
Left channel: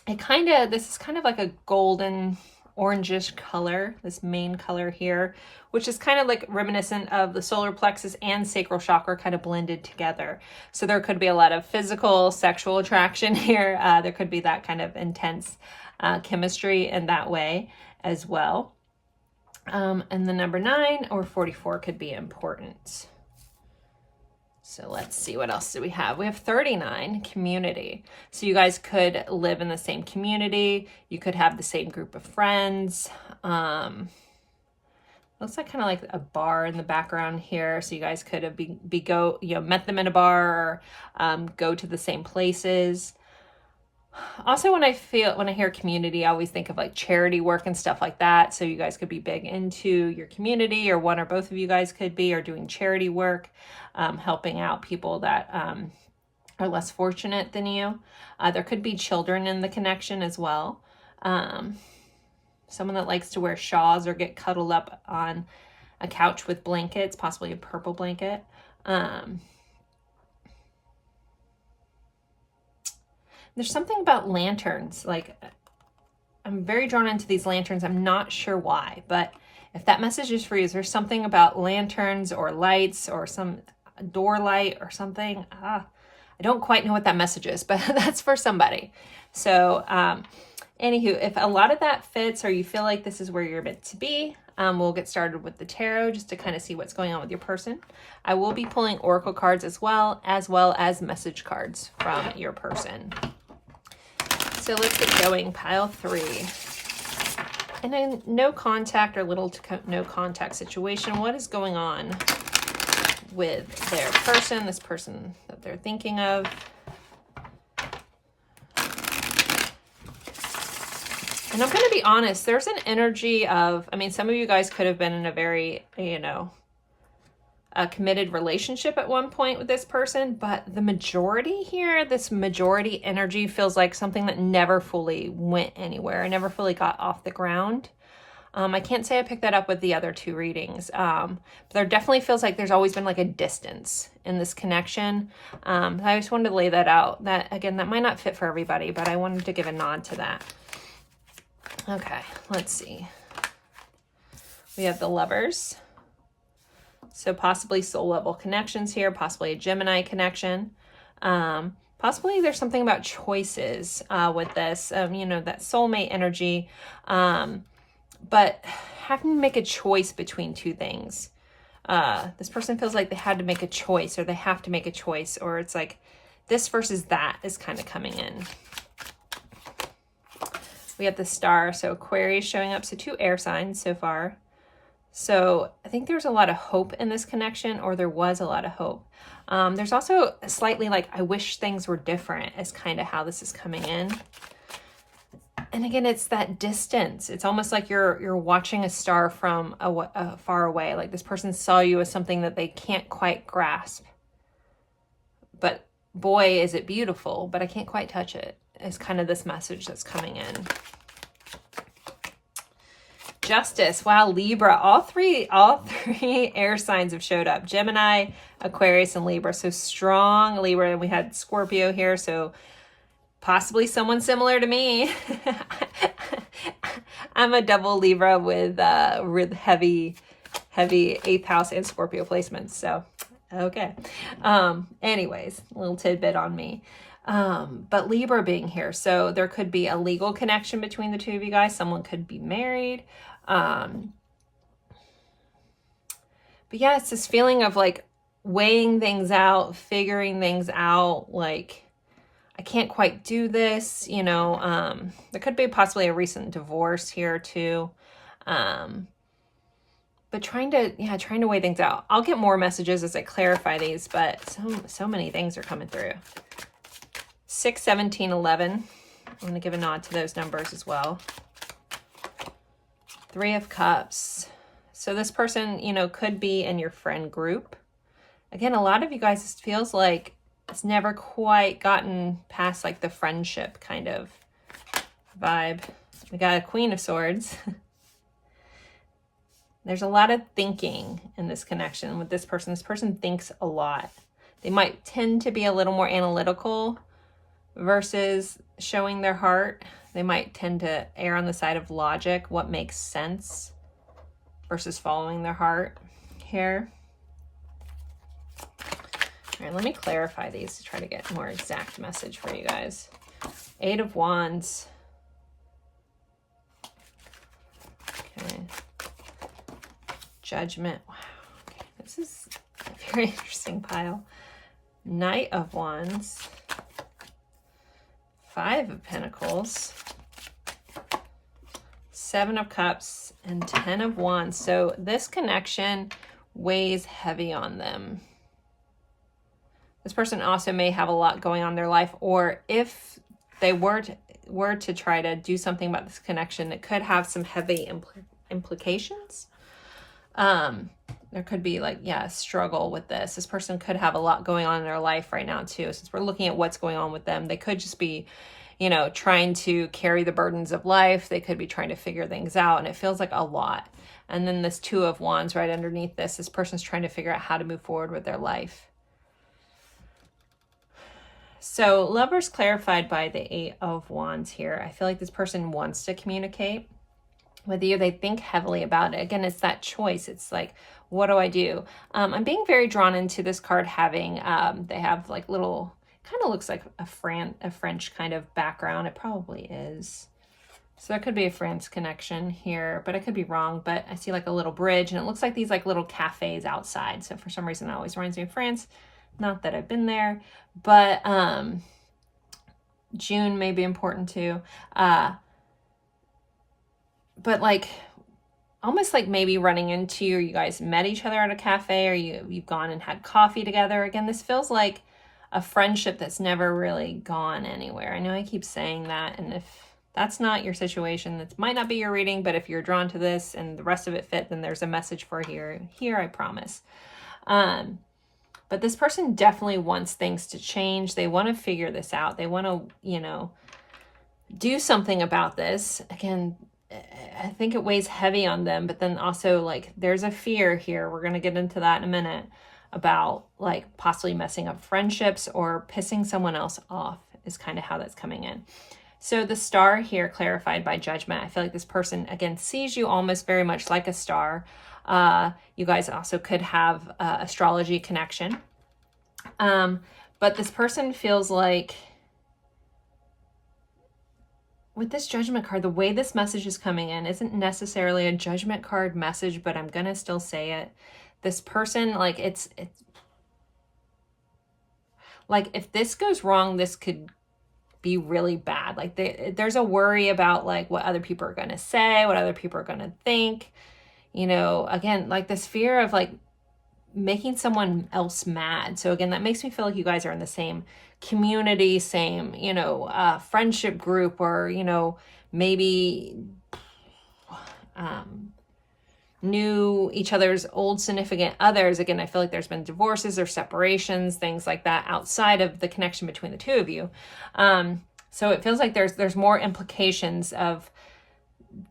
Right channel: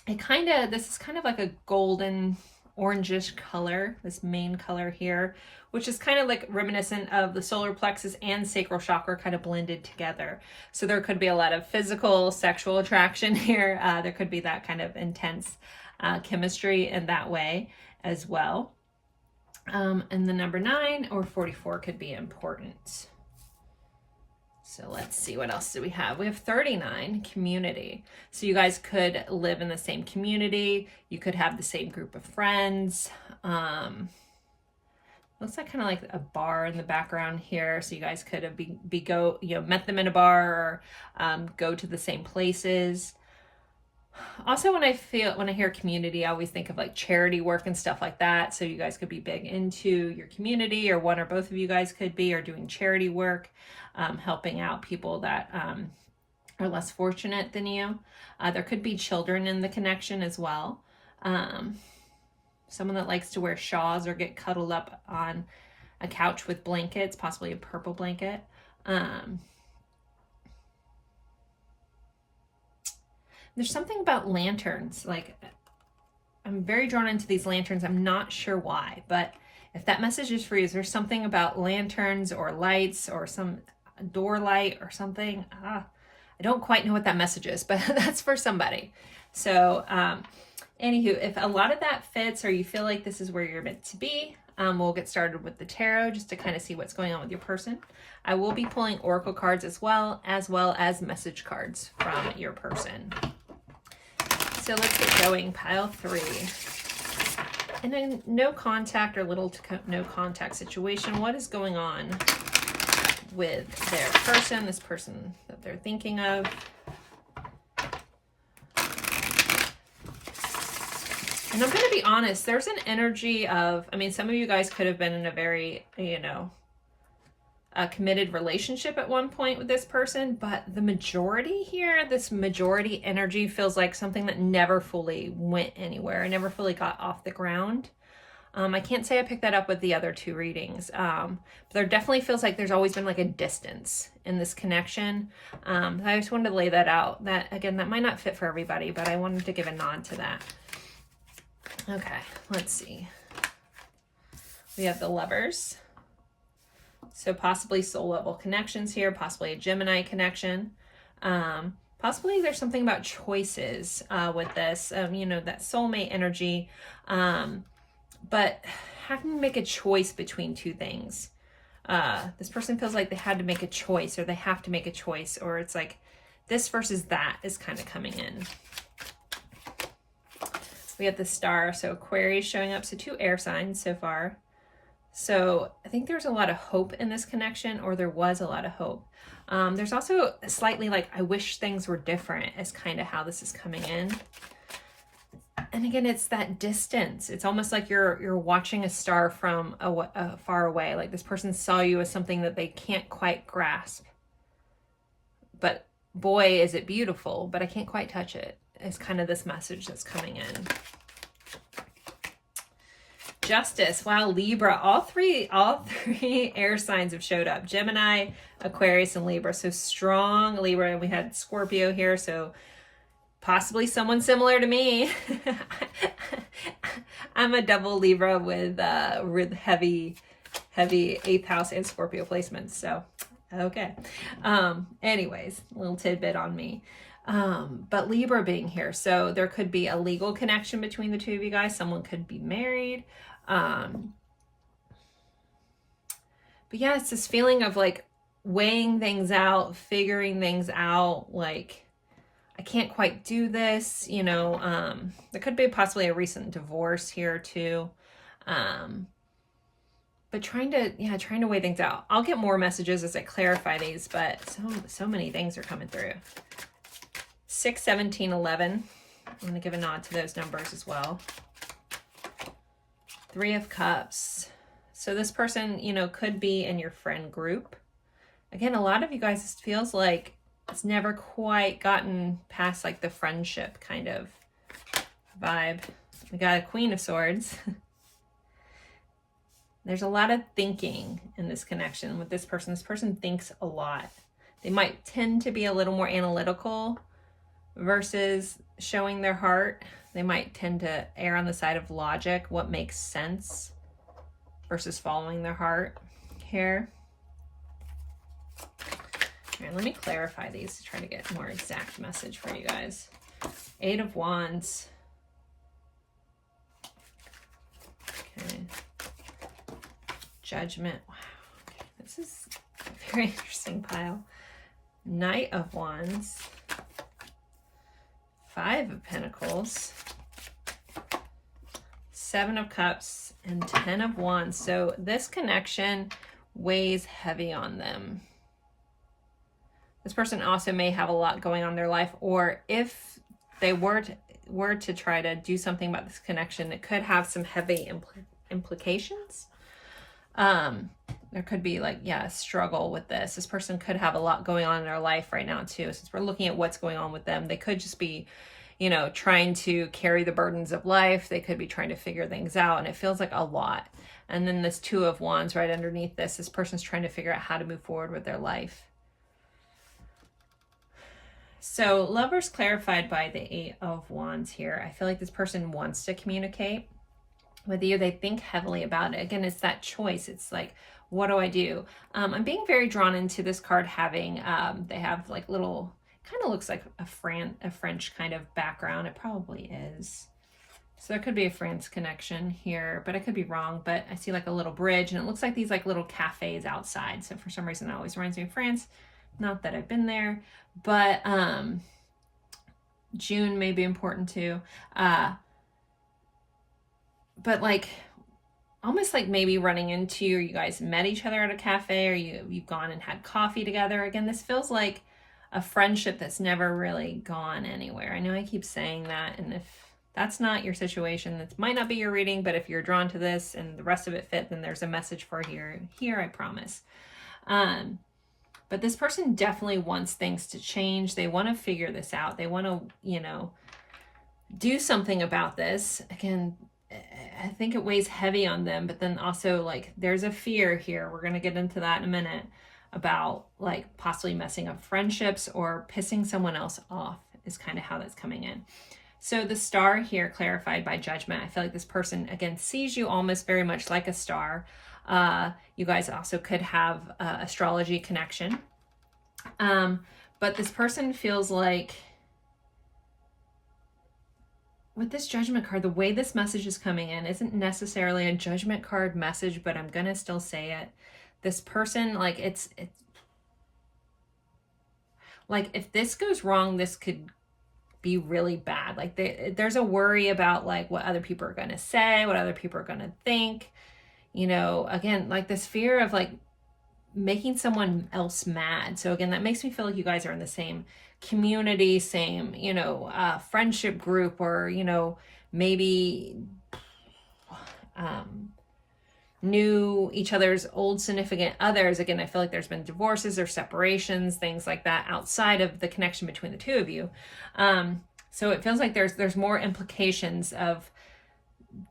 This is kind of like a golden orangish color, this main color here, which is kind of like reminiscent of the solar plexus and sacral chakra kind of blended together. So there could be a lot of physical, sexual attraction here. There could be that kind of intense chemistry in that way as well. And the number 9 or 44 could be important. So let's see, what else do we have? We have 39, community. So you guys could live in the same community. You could have the same group of friends. Looks like kind of like a bar in the background here. So you guys could have met them in a bar, or go to the same places. Also, when I hear community, I always think of like charity work and stuff like that. So you guys could be big into your community, or one or both of you guys could be, or doing charity work, helping out people that are less fortunate than you. There could be children in the connection as well. Someone that likes to wear shawls or get cuddled up on a couch with blankets, possibly a purple blanket. There's something about lanterns. Like, I'm very drawn into these lanterns. I'm not sure why, but if that message is for you, is there something about lanterns or lights or some door light or something? I don't quite know what that message is, but that's for somebody. So, anywho, if a lot of that fits or you feel like this is where you're meant to be, we'll get started with the tarot just to kind of see what's going on with your person. I will be pulling oracle cards as well as message cards from your person. So let's get going. Pile 3. In a no contact or little to no contact situation, what is going on with their person, this person that they're thinking of? And I'm going to be honest, there's an energy of, I mean, some of you guys could have been in a very, you know, a committed relationship at one point with this person, but the majority here, this majority energy feels like something that never fully went anywhere, never fully got off the ground. I can't say I picked that up with the other 2 readings, but there definitely feels like there's always been like a distance in this connection. I just wanted to lay that out. That, again, that might not fit for everybody, but I wanted to give a nod to that. Okay, let's see. We have the Lovers. So possibly soul level connections here, possibly a Gemini connection. Possibly there's something about choices with this, you know, that soulmate energy. But having to make a choice between 2 things. This person feels like they had to make a choice, or they have to make a choice, or it's like this versus that is kind of coming in. We have the Star, so Aquarius showing up, so 2 air signs so far. So I think there's a lot of hope in this connection, or there was a lot of hope. There's also slightly like, I wish things were different, is kind of how this is coming in. And again, it's that distance. It's almost like you're watching a star from a far away. Like this person saw you as something that they can't quite grasp. But boy, is it beautiful, but I can't quite touch it. Is kind of this message that's coming in. Justice. Wow, Libra. All three air signs have showed up. Gemini, Aquarius, and Libra. So strong Libra. And we had Scorpio here, so possibly someone similar to me. I'm a double Libra with heavy 8th house and Scorpio placements. So, okay. Anyways, a little tidbit on me. But Libra being here, so there could be a legal connection between the 2 of you guys. Someone could be married. But yeah, it's this feeling of like weighing things out, figuring things out, like I can't quite do this, you know. There could be possibly a recent divorce here too. But trying to weigh things out. I'll get more messages as I clarify these, but so many things are coming through. 6, 17, 11. I'm going to give a nod to those numbers as well. 3 of Cups. So this person, you know, could be in your friend group. Again, a lot of you guys, it feels like it's never quite gotten past like the friendship kind of vibe. We got a Queen of Swords. There's a lot of thinking in this connection with this person. This person thinks a lot. They might tend to be a little more analytical versus showing their heart. They might tend to err on the side of logic, what makes sense, versus following their heart here. All right, let me clarify these to try to get a more exact message for you guys. 8 of Wands. Okay. Judgment. Wow. Okay. This is a very interesting pile. Knight of Wands. 5 of Pentacles. 7 of Cups and 10 of Wands. So this connection weighs heavy on them. This person also may have a lot going on in their life, or if they were to try to do something about this connection, it could have some heavy implications. There could be like, yeah, a struggle with this. This person could have a lot going on in their life right now too. Since we're looking at what's going on with them, they could just be, you know, trying to carry the burdens of life. They could be trying to figure things out, and it feels like a lot. And then this Two of Wands right underneath this. This person's trying to figure out how to move forward with their life. So Lovers clarified by the Eight of Wands here. I feel like this person wants to communicate with you. They think heavily about it. Again, it's that choice. It's like, what do I do? I'm being very drawn into this card having, they have like little, kind of looks like a French kind of background. It probably is. So there could be a France connection here, but I could be wrong. But I see like a little bridge, and it looks like these like little cafes outside. So for some reason that always reminds me of France. Not that I've been there, but June may be important too. But like almost like maybe running into, or you guys met each other at a cafe, or you've gone and had coffee together. Again, this feels like a friendship that's never really gone anywhere. I know I keep saying that, and if that's not your situation, that might not be your reading, but if you're drawn to this and the rest of it fit, then there's a message for here, I promise. But this person definitely wants things to change. They want to figure this out. They want to, you know, do something about this. Again, I think it weighs heavy on them, but then also like there's a fear here. We're going to get into that in a minute about like possibly messing up friendships or pissing someone else off is kind of how that's coming in. So the Star here clarified by Judgment. I feel like this person, again, sees you almost very much like a star. You guys also could have astrology connection. But this person feels like with this Judgment card, the way this message is coming in isn't necessarily a Judgment card message, but I'm going to still say it. This person, like it's like if this goes wrong, this could be really bad. Like there's a worry about like what other people are going to say, what other people are going to think. You know, again, like this fear of like making someone else mad. So again, that makes me feel like you guys are in the same community, same, you know, friendship group, or, you know, maybe knew each other's old significant others. Again, I feel like there's been divorces or separations, things like that outside of the connection between the two of you. So it feels like there's more implications of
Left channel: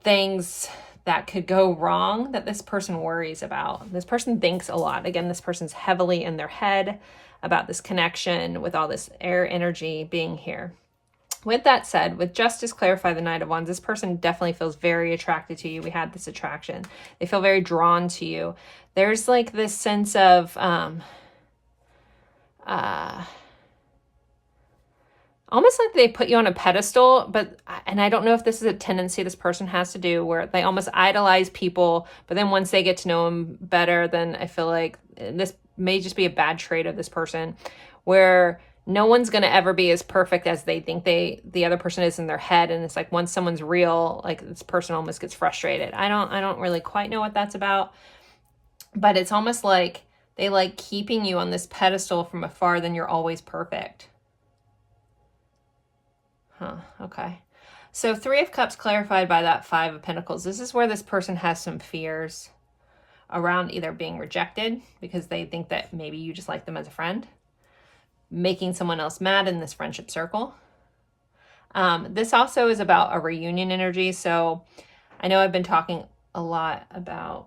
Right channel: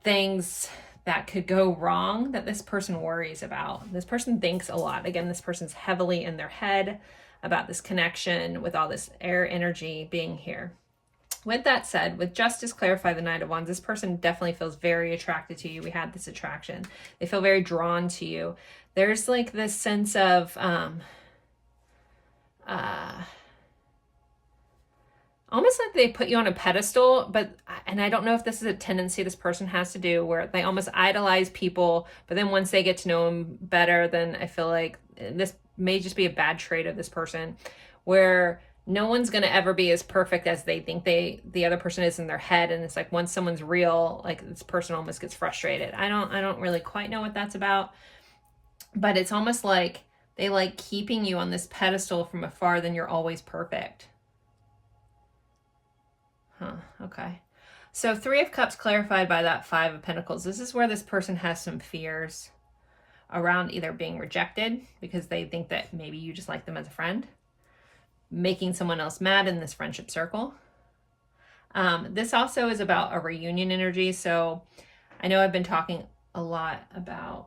things that could go wrong that this person worries about. This person thinks a lot. Again, this person's heavily in their head about this connection with all this air energy being here. With that said, with Justice clarify the Knight of Wands, this person definitely feels very attracted to you. We had this attraction. They feel very drawn to you. There's like this sense of almost like they put you on a pedestal, and I don't know if this is a tendency this person has to do where they almost idolize people, but then once they get to know them better, then I feel like this may just be a bad trait of this person where no one's going to ever be as perfect as they think the other person is in their head. And it's like once someone's real, like this person almost gets frustrated. I don't really quite know what that's about, but it's almost like they like keeping you on this pedestal from afar, then you're always perfect. Okay. So Three of Cups clarified by that Five of Pentacles. This is where this person has some fears around either being rejected because they think that maybe you just like them as a friend, making someone else mad in this friendship circle. This also is about a reunion energy. So I know I've been talking a lot about,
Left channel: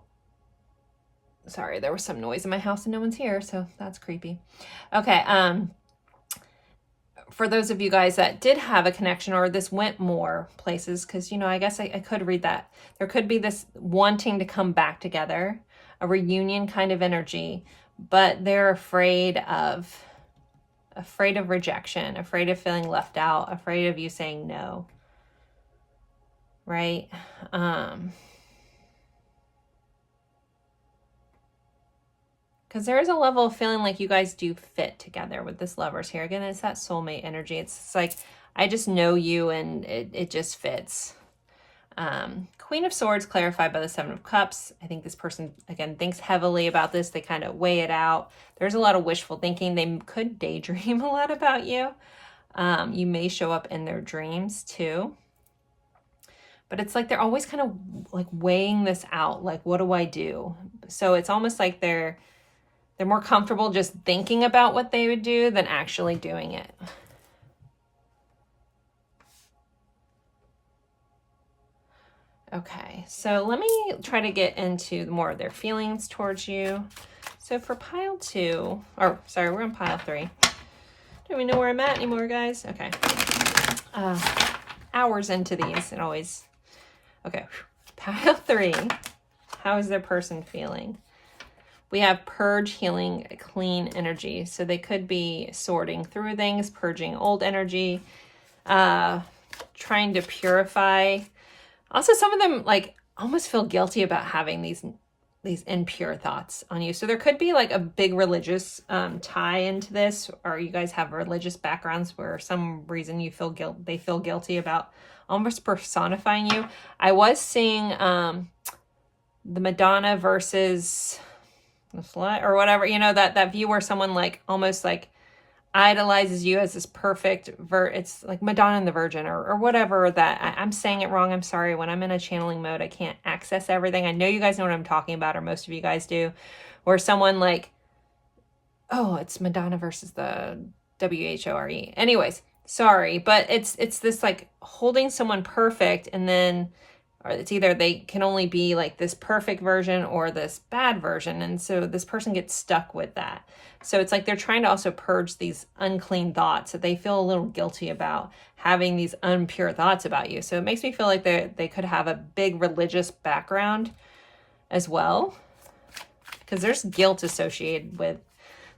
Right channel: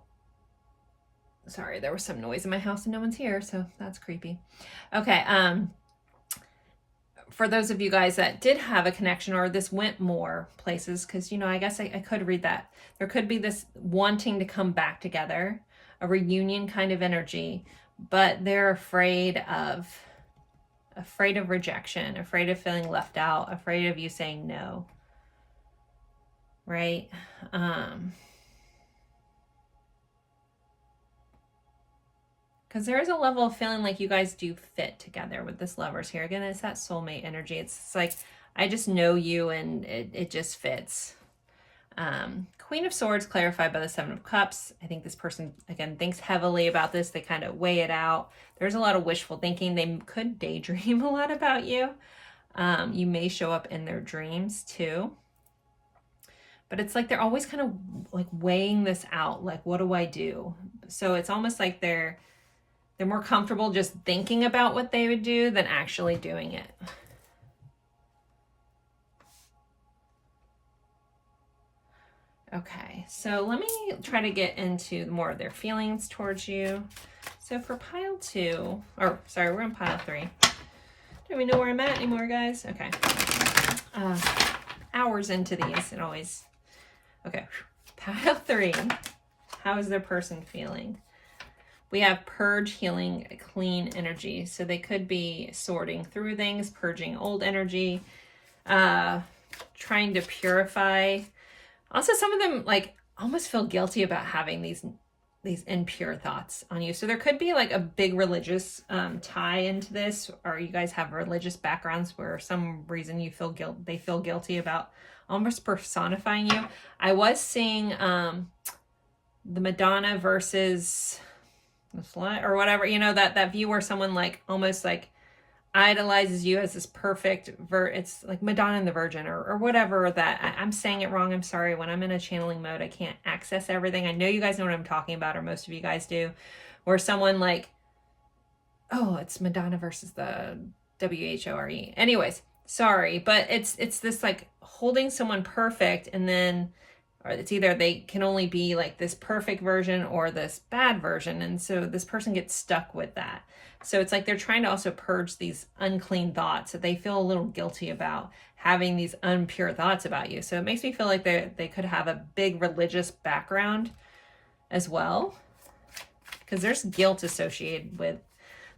sorry, there was some noise in my house and no one's here, so that's creepy. Okay. For those of you guys that did have a connection or this went more places, because, you know, I guess I could read that. There could be this wanting to come back together, a reunion kind of energy, but they're afraid of rejection, afraid of feeling left out, afraid of you saying no, right? Because there is a level of feeling like you guys do fit together with this Lovers here. Again, it's that soulmate energy. It's like, I just know you and it just fits. Queen of Swords clarified by the Seven of Cups. I think this person, again, thinks heavily about this. They kind of weigh it out. There's a lot of wishful thinking. They could daydream a lot about you. You may show up in their dreams too. But it's like they're always kind of like weighing this out. Like, what do I do? So it's almost like they're more comfortable just thinking about what they would do than actually doing it. Okay, so let me try to get into more of their feelings towards you. So for pile 2, or sorry, we're on pile 3. Don't even know where I'm at anymore, guys. Okay. Hours into these, it always... Okay, pile 3. How is their person feeling? We have purge, healing, clean energy. So they could be sorting through things, purging old energy, trying to purify. Also, some of them like almost feel guilty about having these impure thoughts on you. So there could be like a big religious tie into this, or you guys have religious backgrounds where some reason you feel they feel guilty about almost personifying you. I was seeing the Madonna versus the slut or whatever, you know, that view where someone like almost like idolizes you as this perfect it's like Madonna and the Virgin or whatever. That I'm saying it wrong, I'm sorry. When I'm in a channeling mode, I can't access everything. I know you guys know what I'm talking about, or most of you guys do, where someone like, oh, it's Madonna versus the Whore. Anyways, sorry, but it's this like holding someone perfect, and then or it's either they can only be like this perfect version or this bad version, and so this person gets stuck with that. So it's like they're trying to also purge these unclean thoughts that they feel a little guilty about having these impure thoughts about you. So it makes me feel like they could have a big religious background as well, because there's guilt associated with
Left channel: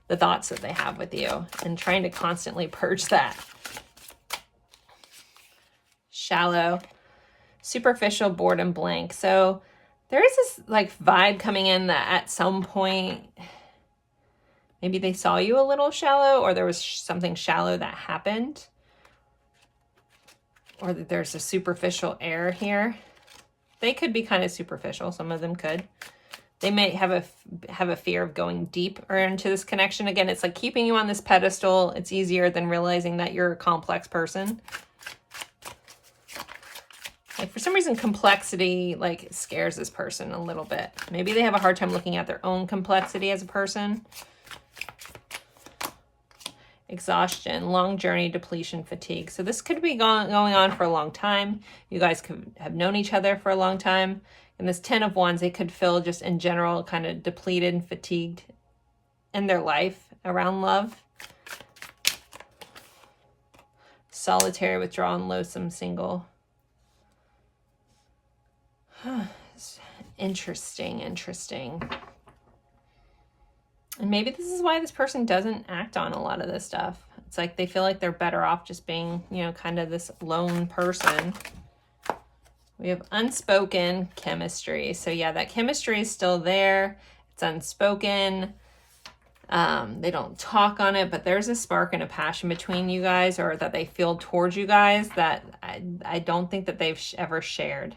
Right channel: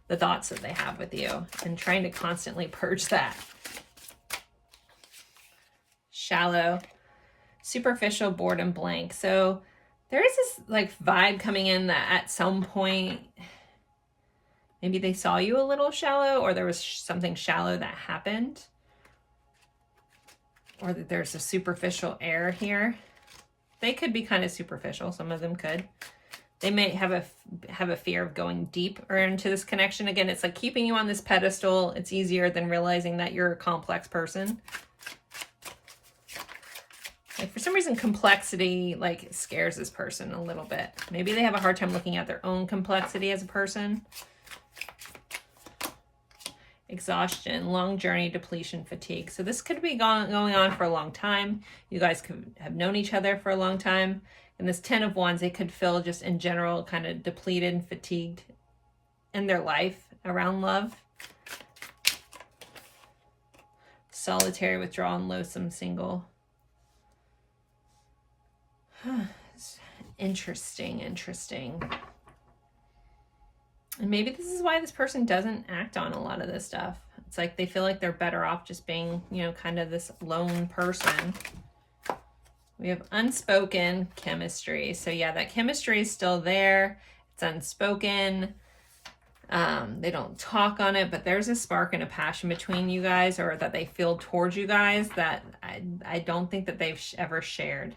the thoughts that they have with you and trying to constantly purge that. Shallow, superficial, bored, and blank. So there is this like vibe coming in that at some point maybe they saw you a little shallow, or there was something shallow that happened, or that there's a superficial air here. They could be kind of superficial. Some of them could. They may have a fear of going deep or into this connection. Again, it's like keeping you on this pedestal. It's easier than realizing that you're a complex person. Like for some reason, complexity like scares this person a little bit. Maybe they have a hard time looking at their own complexity as a person. Exhaustion, long journey, depletion, fatigue. So this could be going on for a long time. You guys could have known each other for a long time. And this 10 of Wands, they could feel just in general kind of depleted and fatigued in their life around love. Solitary, withdrawn, loathsome, single. Interesting. And maybe this is why this person doesn't act on a lot of this stuff. It's like they feel like they're better off just being, you know, kind of this lone person. We have unspoken chemistry. So yeah, that chemistry is still there. It's unspoken. They don't talk on it, but there's a spark and a passion between you guys, or that they feel towards you guys, that I don't think that they've ever shared.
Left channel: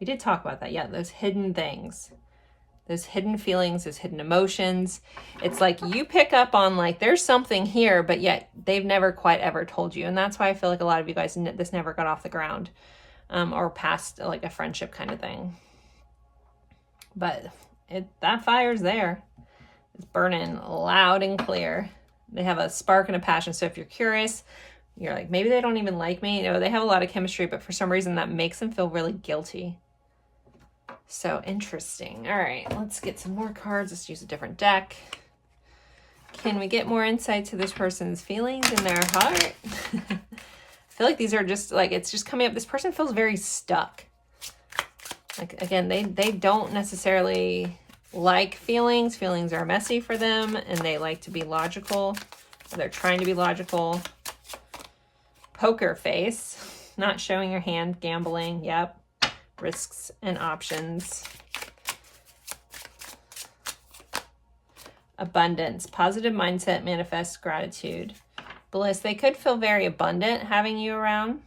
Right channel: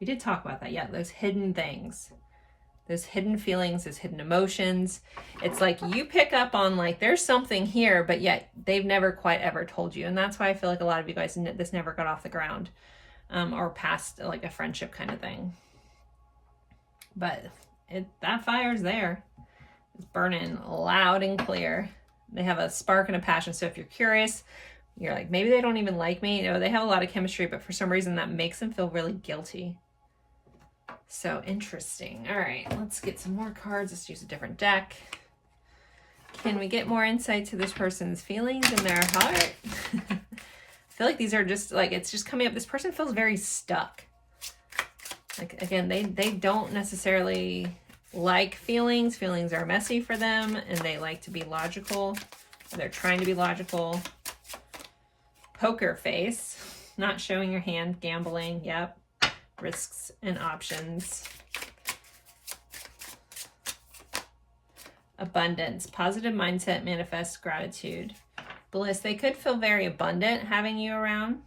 We did talk about that. Yeah, those hidden things. Those hidden feelings, those hidden emotions. It's like you pick up on like there's something here, but yet they've never quite ever told you. And that's why I feel like a lot of you guys, this never got off the ground or past like a friendship kind of thing. But that fire's there. It's burning loud and clear. They have a spark and a passion. So if you're curious, you're like, maybe they don't even like me. You know, they have a lot of chemistry, but for some reason that makes them feel really guilty. So interesting. All right, let's get some more cards. Let's use a different deck. Can we get more insight to this person's feelings in their heart? I feel like these are just like, it's just coming up. This person feels very stuck. Like, again, they don't necessarily like feelings. Feelings are messy for them, and they like to be logical. They're trying to be logical. Poker face, not showing your hand, gambling. Yep. Risks and options. Abundance, positive mindset, manifest gratitude. Bliss, they could feel very abundant having you around.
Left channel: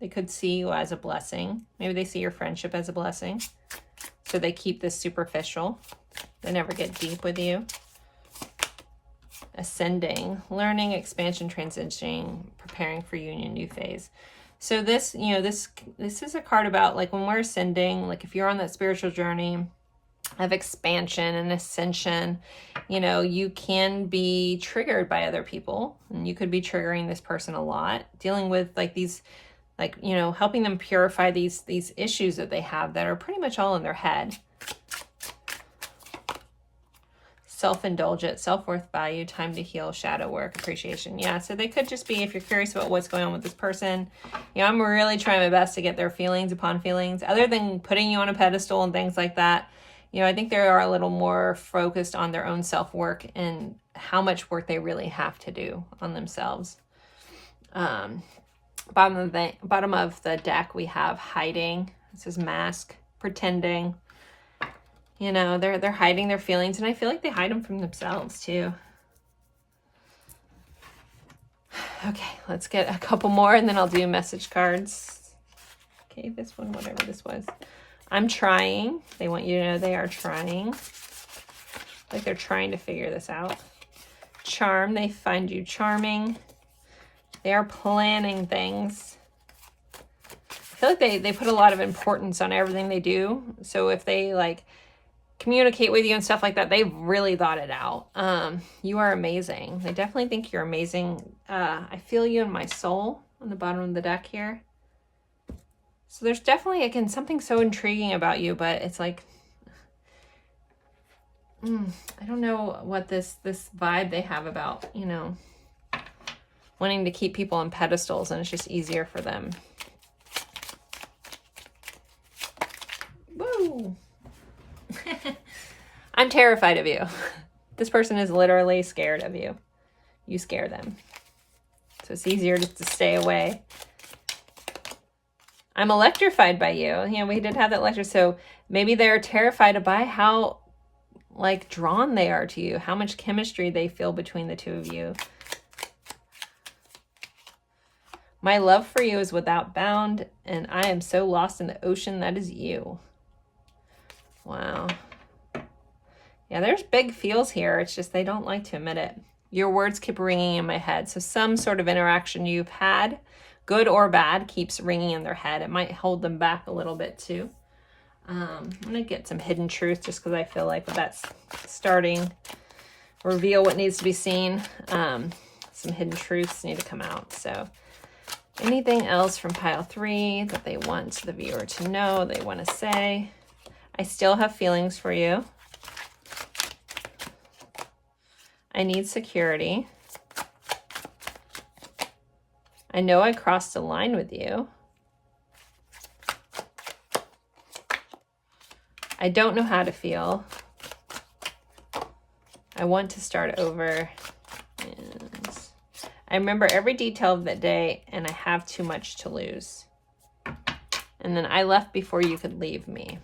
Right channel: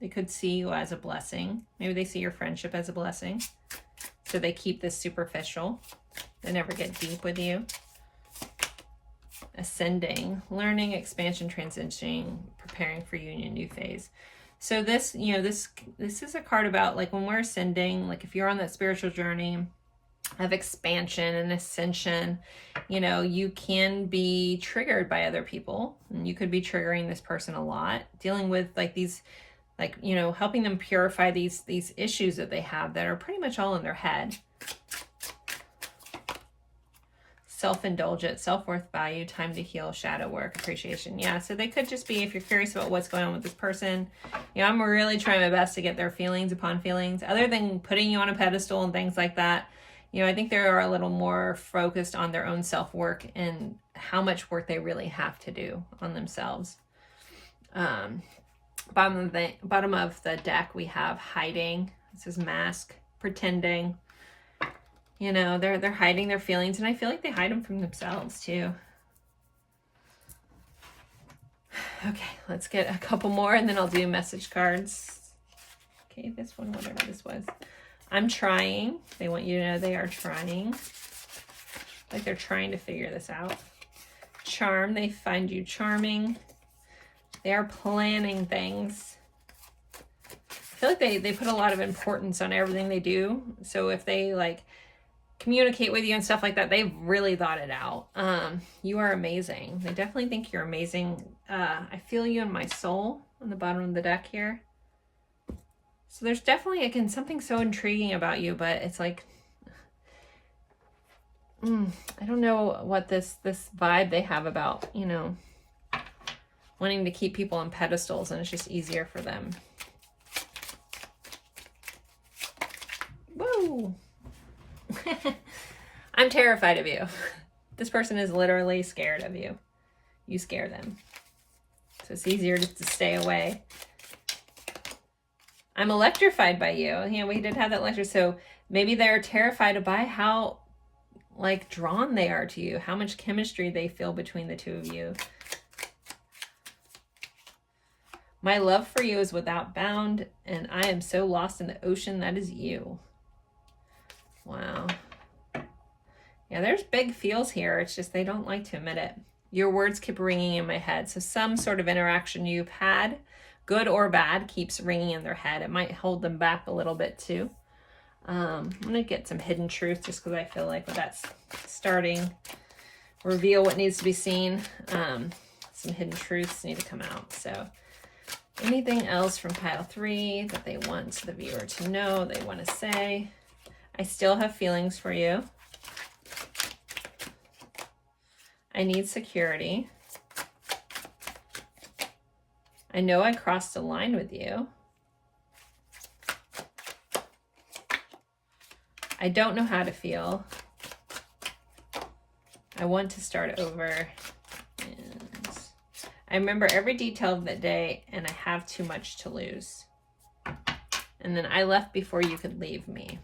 They could see you as a blessing. Maybe they see your friendship as a blessing. So they keep this superficial. They never get deep with you. Ascending, learning, expansion, transitioning, preparing for union, new phase. So this, you know, this is a card about like when we're ascending, like if you're on that spiritual journey of expansion and ascension, you know, you can be triggered by other people, and you could be triggering this person a lot, dealing with like these Like, you know, helping them purify these issues that they have that are pretty much all in their head. Self-indulgent, self-worth, value, time to heal, shadow work, appreciation. Yeah, so they could just be, if you're curious about what's going on with this person, you know, I'm really trying my best to get their feelings upon feelings, other than putting you on a pedestal and things like that. You know, I think they are a little more focused on their own self-work and how much work they really have to do on themselves. Bottom of the deck, we have hiding. This is mask, pretending. You know, they're hiding their feelings, and I feel like they hide them from themselves too. Okay, let's get a couple more, and then I'll do message cards. Okay, this one, whatever this was. I'm trying. They want you to know they are trying. Like they're trying to figure this out. Charm, they find you charming. They are planning things. I feel like they put a lot of importance on everything they do. So if they like communicate with you and stuff like that, they've really thought it out. You are amazing. They definitely think you're amazing. I feel you in my soul on the bottom of the deck here. So there's definitely, again, something so intriguing about you, but it's like, I don't know what this vibe they have about, you know, wanting to keep people on pedestals, and it's just easier for them. Woo! I'm terrified of you. This person is literally scared of you. You scare them. So it's easier just to stay away. I'm electrified by you. You know, we did have that lecture. So maybe they're terrified by how, like, drawn they are to you. How much chemistry they feel between the two of you. My love for you is without bound, and I am so lost in the ocean that is you. Wow. Yeah, there's big feels here. It's just they don't like to admit it. Your words keep ringing in my head. So some sort of interaction you've had, good or bad, keeps ringing in their head. It might hold them back a little bit too. I'm going to get some hidden truth just because I feel like that's starting. Reveal what needs to be seen. Some hidden truths need to come out. So anything else from pile 3 that they want the viewer to know, they want to say. I still have feelings for you. I need security. I know I crossed a line with you. I don't know how to feel. I want to start over. And I remember every detail of that day, and I have too much to lose. And then I left before you could leave me.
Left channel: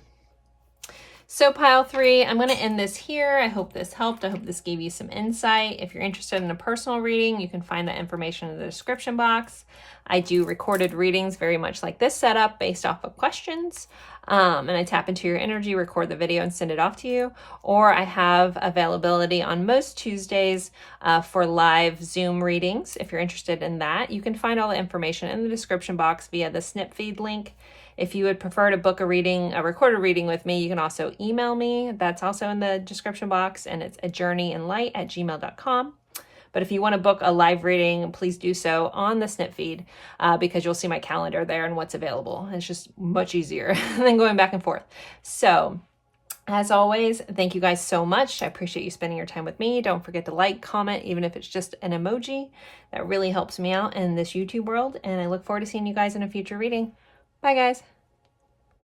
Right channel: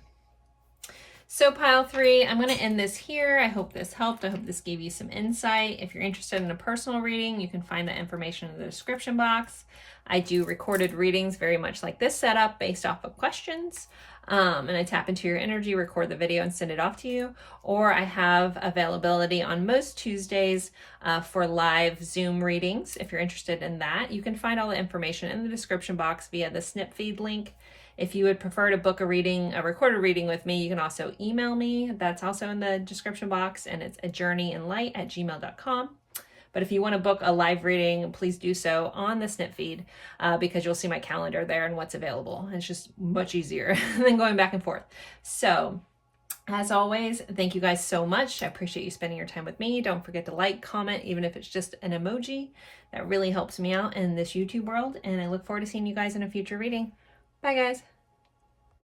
So pile 3, I'm going to end this here. I hope this helped. I hope this gave you some insight. If you're interested in a personal reading, you can find that information in the description box. I do recorded readings very much like this setup based off of questions. And I tap into your energy, record the video, and send it off to you. Or I have availability on most Tuesdays for live Zoom readings. If you're interested in that, you can find all the information in the description box via the snip feed link. If you would prefer to book a reading, a recorded reading with me, you can also email me. That's also in the description box, and it's ajourneyinlight@gmail.com. But if you want to book a live reading, please do so on the snip feed because you'll see my calendar there and what's available. It's just much easier than going back and forth. So as always, thank you guys so much. I appreciate you spending your time with me. Don't forget to like, comment, even if it's just an emoji. That really helps me out in this YouTube world. And I look forward to seeing you guys in a future reading. Bye, guys.